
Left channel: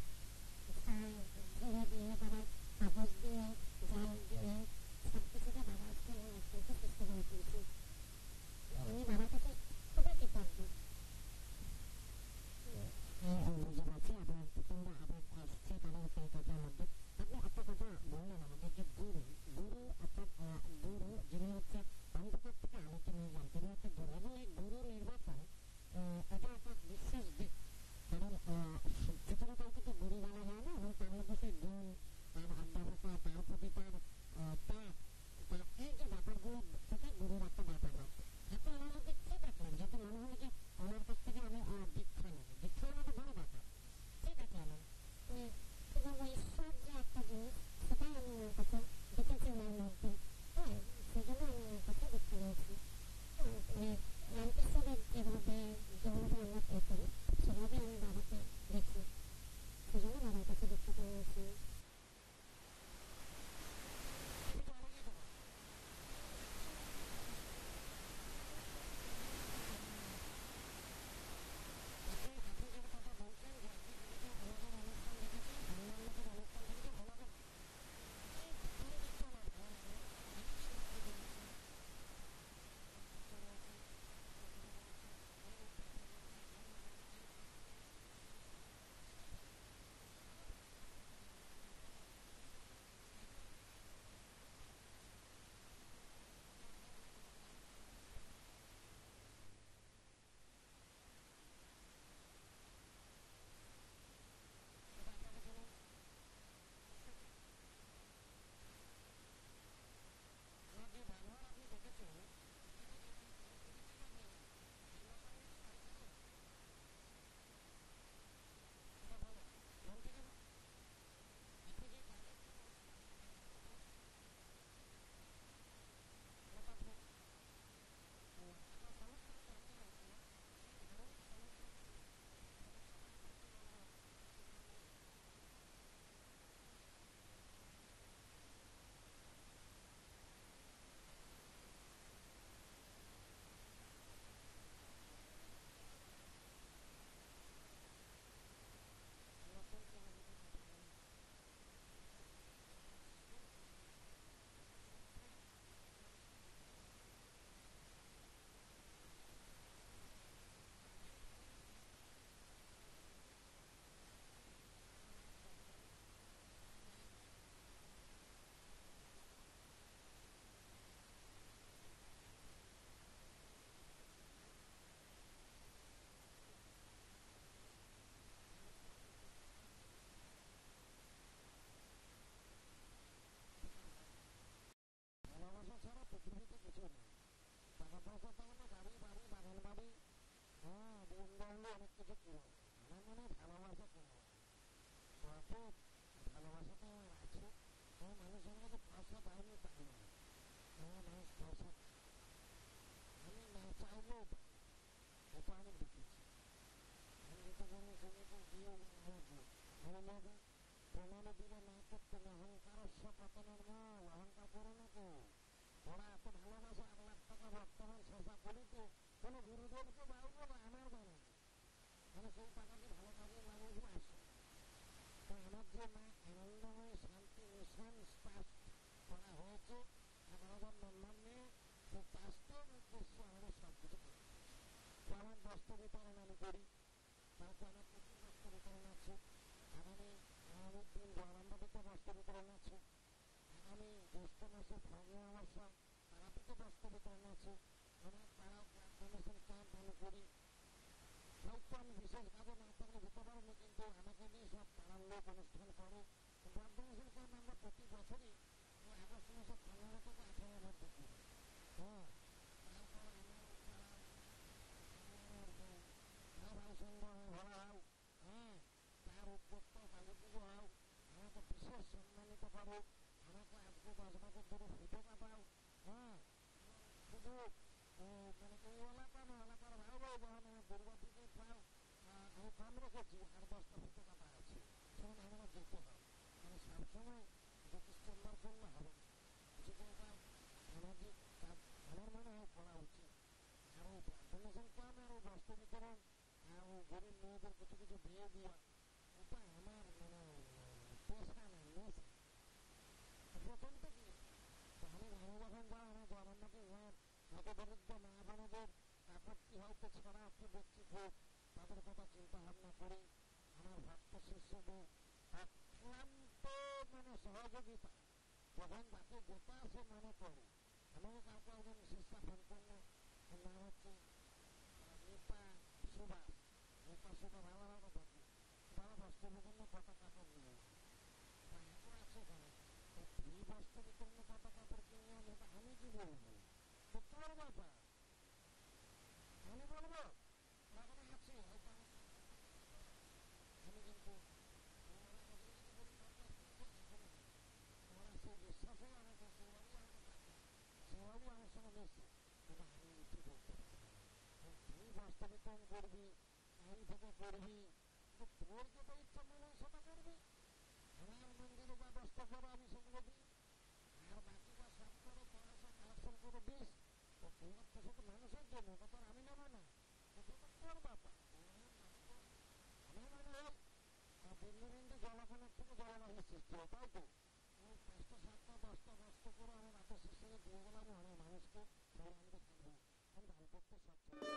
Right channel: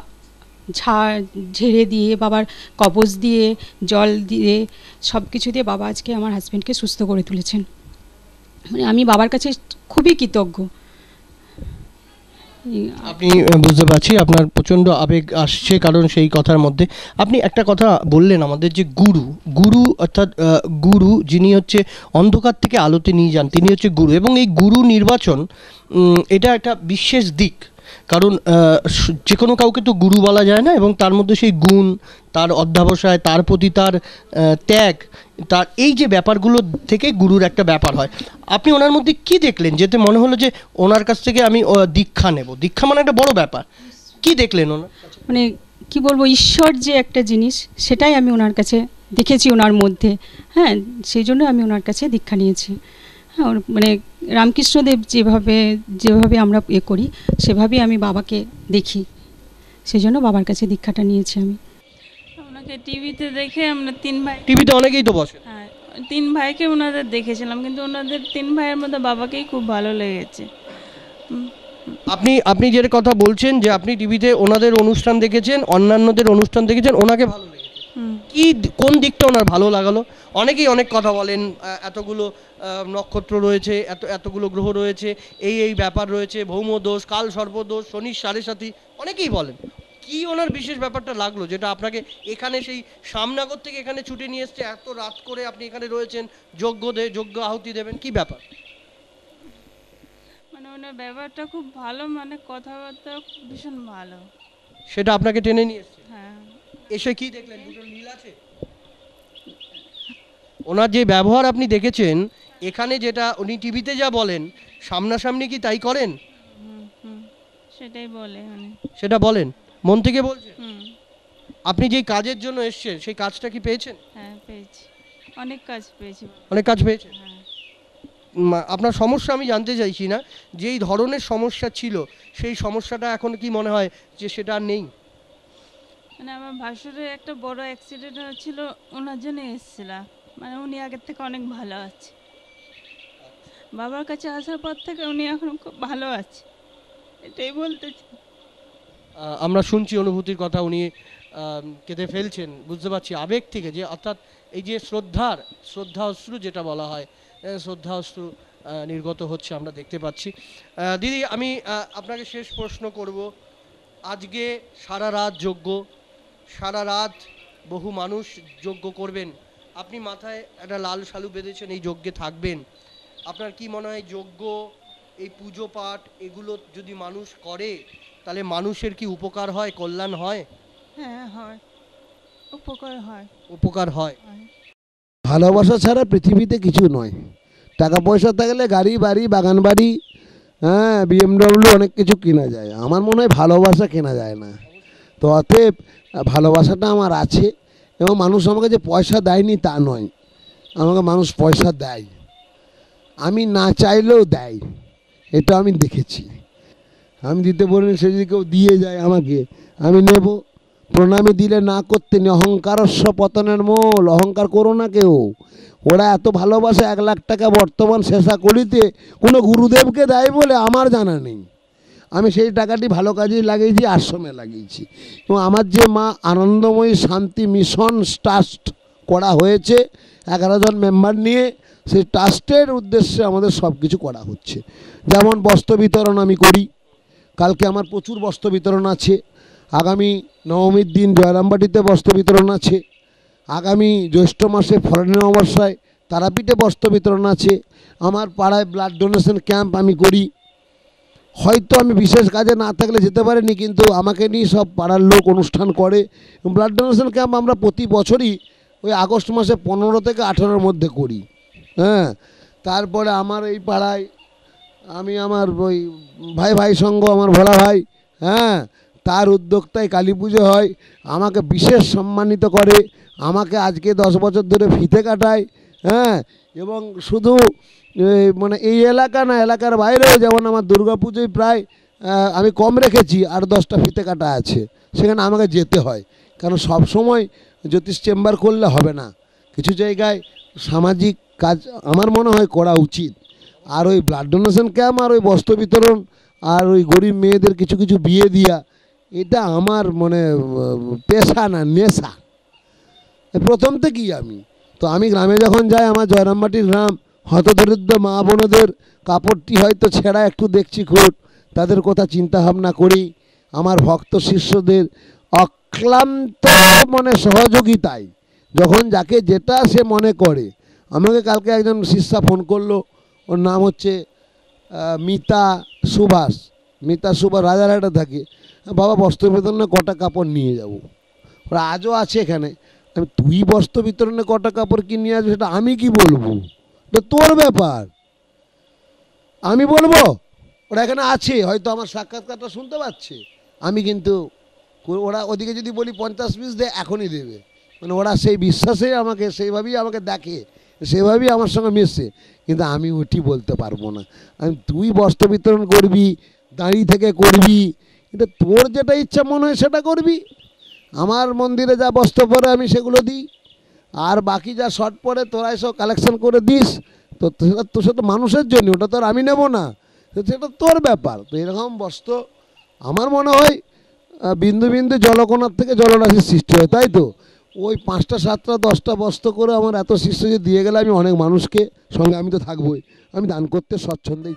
ঝেড়ে দিয়ে, বাবার কবজ দিয়ে, জল দিয়ে, সব কিছু দিয়ে বাবা আজকে আমার হাজব্যান্ডকে সুস্থ করে তুলেছেন। মানে আমি বাবার কাছে খুবই কৃতজ্ঞ। আপনি বুঝতে পারছি আপনার প্রচণ্ড আবেগ আসছে, কারণ সেই কথার মধ্যে আপনি একটা কথা বললেন আমাদের, যে গুরু অর্থাৎ গুরু যিনি হচ্ছে অন্ধকার থেকে আলোতে নিয়ে যান, তিনি হচ্ছে গুরু। এবং এই গুরু নির্বাচন এটা একটা বিশেষ দিক, কারণ যে কোনো কাউকে তো গুরু বলা যায় না, এবং তার মধ্যে সেই গুণ, তার অধ্যাবসায়, তার প্রতি তার ত্যাগ, তার এই যে ব্যাপারগুলো থেকে গুরুর একটা ব্যাপার হয়। আপনি ওনার মধ্যে কি দেখলেন যেতে মনে হলো যে ওনার কাছ থেকে আমি দীক্ষা নেব? দীক্ষা মানে একটা বড় ব্যাপার, কি দেখলেন ওনার? মানে কি বলবো, ঈশ্বর যে একটা জিনিস, সেটাই আমি ওনার কাছে দেখেছি ওনার মধ্যে। হ্যাঁ, সেই জন্য আমি ওনার কাছে দীক্ষা নিয়েছি। হ্যাঁ, মানে রামকৃষ্ণদেব যেভাবে আমরা করি, সেভাবেই আমি বাবাকে দেখি, সেই জন্য বাবার কাছে দীক্ষাটা নিয়েছি আমি। ওনাকে টিভিতে দেখে আমরা 3 ভাই, টিভিতে অনেকেই তো বসে, হ্যাঁ 3 ভাইকে ওনাদের দেখেছিলাম, কিন্তু ওনাদের 3 ভাইয়ের মধ্যে বাবাকেই খুব ভালো লেগেছে। আপনি যেটা কথা বলছেন যে আপনি টিভিতে ওনাদের অনুষ্ঠান দেখেছেন, অন্যান্যদের অনুষ্ঠান দেখেছেন, ওনাকে ভালো লেগেছে, কি কোন দিকটা ওনার ভালো লাগালো? অনেকেই অনেক কথা বলেন, এতগুলো নক্ষত্র রয়েছে, এতগুলো গ্রহ রয়েছে, এই ব্যাপার রয়েছে, ভৌম দোষ, কাল সর্পদোষ, শনির 7.5, অনেকেই বলেন। কি ওনার বিশেষ ব্যাপারটা লাগলো যেটা আপনাকে এখানে সেই সামনাগর থেকে এখানে ছুটে নিয়ে এসছে, এত রাত করে আপনি এখানে রয়েছেন, যজ্ঞ আহুতি দেবেন, কি ব্যাপার? মানে ওনার ব্যাপারটা খুব ভালো, মানে কথাবার্তা ভীষণ ভালো, সেটা আপনাকে টেনে নিয়ে এসছে। হ্যাঁ, এসে কি দেখলেন? দুটোর মিল আছে? ওনার যে ব্যবহার আপনি দেখেছেন এখানে, যেটা উনি টিভিতে যা বলেন, সামনাসামনি কি তাই করেন? সেটাই বলে, সেটা বলেন, মন থেকে বলছেন। আপনি যেই কাজের জন্য এসেছেন সেই কাজটা কি পেয়েছেন? হ্যাঁ পেয়েছি, অনেক কাজ পেয়েছি। অনেক কাজ পেয়েছেন? আপনার সমস্যা আমি জানতে চাইছি না, যেই ধরনের সমস্যা ছিল সেই সমস্যাটা এখন কি মনে হয় যে সেটা আর নেই? মানে আমার ভাসুরের একটা বড় অ্যাক্সিডেন্ট হয়েছিল, ওনার জন্য এসেছিলাম। মানে উনি আগের থেকে অনেক ভালো আছে, বাবার কাছে আসার পর থেকে উনি এখন খুব ভালো আছে, এটাই বলতে চাই। আমরা শুনছি অনুভূতির কথা, উনি কেঁদে ফেলছেন, বুঝতে পারছি আবেগ থেকে, যে অর্থাৎ এই যে শ্রদ্ধা অশ্রু যেটা বলা হয়, শ্রদ্ধা অশ্রু নির্গত হচ্ছে, আমরা দেখতে পাচ্ছি। দিদি, আমি আপনাকে শেষ প্রশ্ন করব। আজকে সারা রাত যজ্ঞ, সারা রাত বহু মানুষ যজ্ঞ করবেন, আপনি মাথায় একটা লাল শালু বেঁধেছেন, এই যজ্ঞে থাকবেন। আপনার কি মনে হয় যজ্ঞ, এই পুজো পাঠ এগুলো যদি মানুষ করে তাহলে মানুষের কি উপকার হয়, কল্যাণ হয়? হ্যাঁ হয়, উপকার হয়। উপকার হয়। ভালোবাসা ছাড়া পৃথিবীতে কিছু নয়। টাকা পয়সা থাকলে গাড়ি বাড়ি বাগান বাড়ি, হ্যাঁ, BMW অনেক কিছু কেনা যায়। আমার মনে হয় ভালোবাসা কেনা যায় না। তো অতএব ভালোবাসাটা আমার আছে, এবং মানুষ আমাকে যে পয়সা দেয়নি তা নয়, আমাকে মানুষ পয়সা দেয়, আমি না চাইলেও দেয়, এটা আমি দেখেছি। আমি দিতে বলিনি, সে যদি কেউ দিয়ে যায় আমাকে, আমি নেব। প্রণামী দিলে না করতে নেই, অহংকারস্য পতনের মূল। অহংকার করো না কেউ। ওরা এত ভালোবাসে, 1 লাখ টাকা বর্তমান শেষা করিতে কোনো গুরুদেবকে দেয় বলে আমার জানা নেই। আমি সেই টাকাটি ভালো কাজেই লাগিয়েছি, আশ্রমে লাগিয়েছি। এবং আমার যে মা আনন্দময়ী শান্তি মিশন ট্রাস্ট করা হয়েছে 11 জন মেম্বার নিয়ে, সেই ট্রাস্টের উদ্দেশ্যে আমাদের সব কিছু করা হচ্ছে। যেমন বস্ত্র বিতরণ আমি করি, কালকে আমার প্রচুর বস্ত্র বিতরণ আছে। আগামী নবমীর দিন জয়রামবাটিতে বস্ত্র বিতরণ আছে। আগামী জ্যৈষ্ঠ মাসে ফলনী অমাবস্যায় তারাপীঠে বস্ত্র বিতরণ আছে। আমার পাড়ায় ব্লাড ডোনেশন ক্যাম্প আমি করি। হয়তো আমি বিশেষ কাজে না থাকলে যেতে পারিনি, কিন্তু আমাকে নিয়ে সব পাড়ার লোক অনুষ্ঠান করে। ব্লাড ডোনেশন ক্যাম্প আমরা প্রতি বছরই ওই আগস্ট মাসে 15 থেকে 18-র মধ্যে করি। হ্যাঁ, তারপরে আমার এই পাড়ায় আমি আমার ওই ভাই সঙ্গ, আমার ভোলা ভাই, হ্যাঁ, তার উদ্যোক্তায় কালী পুজো হয়, আমাকে বিশেষ সম্মানিত করে। আমাকে আজকে 10 বছর ধরে ফিতে কাটায়। হ্যাঁ, এবং শুধু মানে এই এলাকা না, এলাকার বাইরেও, যেমন আমার দুর্গা পুজোয় প্রায় আমি কম রেখেছি, আর 10টা ফিতে কাটা আছে, সেখানে আমাকে যেতে হয়। কারণ সব সময় জ্যোতিষ চেম্বার করলে হবে না, কিছু জায়গায় সামাজিক কাজ আমার মনে হয় করা উচিত। আর ওই ব্লাড ডোনেশন ক্যাম্প, আর ওই বস্ত্র বিতরণ, আর ওই গরিব মেয়েদের কিছু কিছু বিয়ে দিয়া, এটা আমার মানে পেশা না, নেশা প্রথম থেকেই। আমি গ্রামে যখন যাই, আমার জয়রামবাটির গ্রাম, হতদরিদ্র মা বোনদের কাপড়টি হয়তো ছেঁড়া একটু দেখছি খুব, তাদের কথা চিন্তা ভাবনা করি। আমার ভক্ত শিষ্যদের অক্লান্ত মনে সহযোগিতায় যখন যাকে যেটা সে মনে করে। আমাকে কালকে একজন শিষ্যা ফোন করলো, ওর নাম হচ্ছে মিতা সুভাষ। রাজারহাটে থাকে। বাবা, বস্ত্র বিতরণে কটা কাপড় নিয়ে যাব। ওরা আজও আছে এখানে। তুই বস্ত্র বিতরণে কটা কাপড় কি নিয়ে আসবে, সেটা আমি কি বলবো? তো তোর ব্যাপার, আমি বলবো? ওরা এখানে আছে, হয়তো আমার সাক্ষাৎকারটা শুনতে পাচ্ছে। আমি কিন্তু, ওরা ওদিকে যদি বলি 50 পিস দে, এখনই দেবে। মানে ওরা সেই বিশ্বাসেই আমাকে, সেইভাবেই আমাকে দেখে, সেভাবেই আমার সঙ্গে মিশছে। কিন্তু আমি ওটি বলতে পারবো না। তুই বস্ত্র বিতরণ করবি, দাঁড়িয়ে থেকে করবি, কিন্তু তোর যেটা ইচ্ছা মনে হয় সেটা করবি। আমার মন্দিরে যা বস্ত্র পরে আমি সেগুলো দিই, আর বাকি যা শর্ট পরে তোরা সব কালেকশন করে দিস। তো সেটা মানুষের জন্য, ওটা তো আর আমি নেব না, সেটা তোর ব্যাপার। তো এরকম বস্ত্র আমার মনে হয় বিন্দু বিন্দু জলকণার থেকে জলরাশির সৃষ্টি হয়, তাই তো? ওই 5টা 7টা 10টা বস্ত্র করে আমার এত শিষ্য যে দিয়ে গেলে আমি অনেক মানুষকে সঙ্গে, আমি তো থাকবোই, আমি দান করতে স্বচ্ছন্দেই।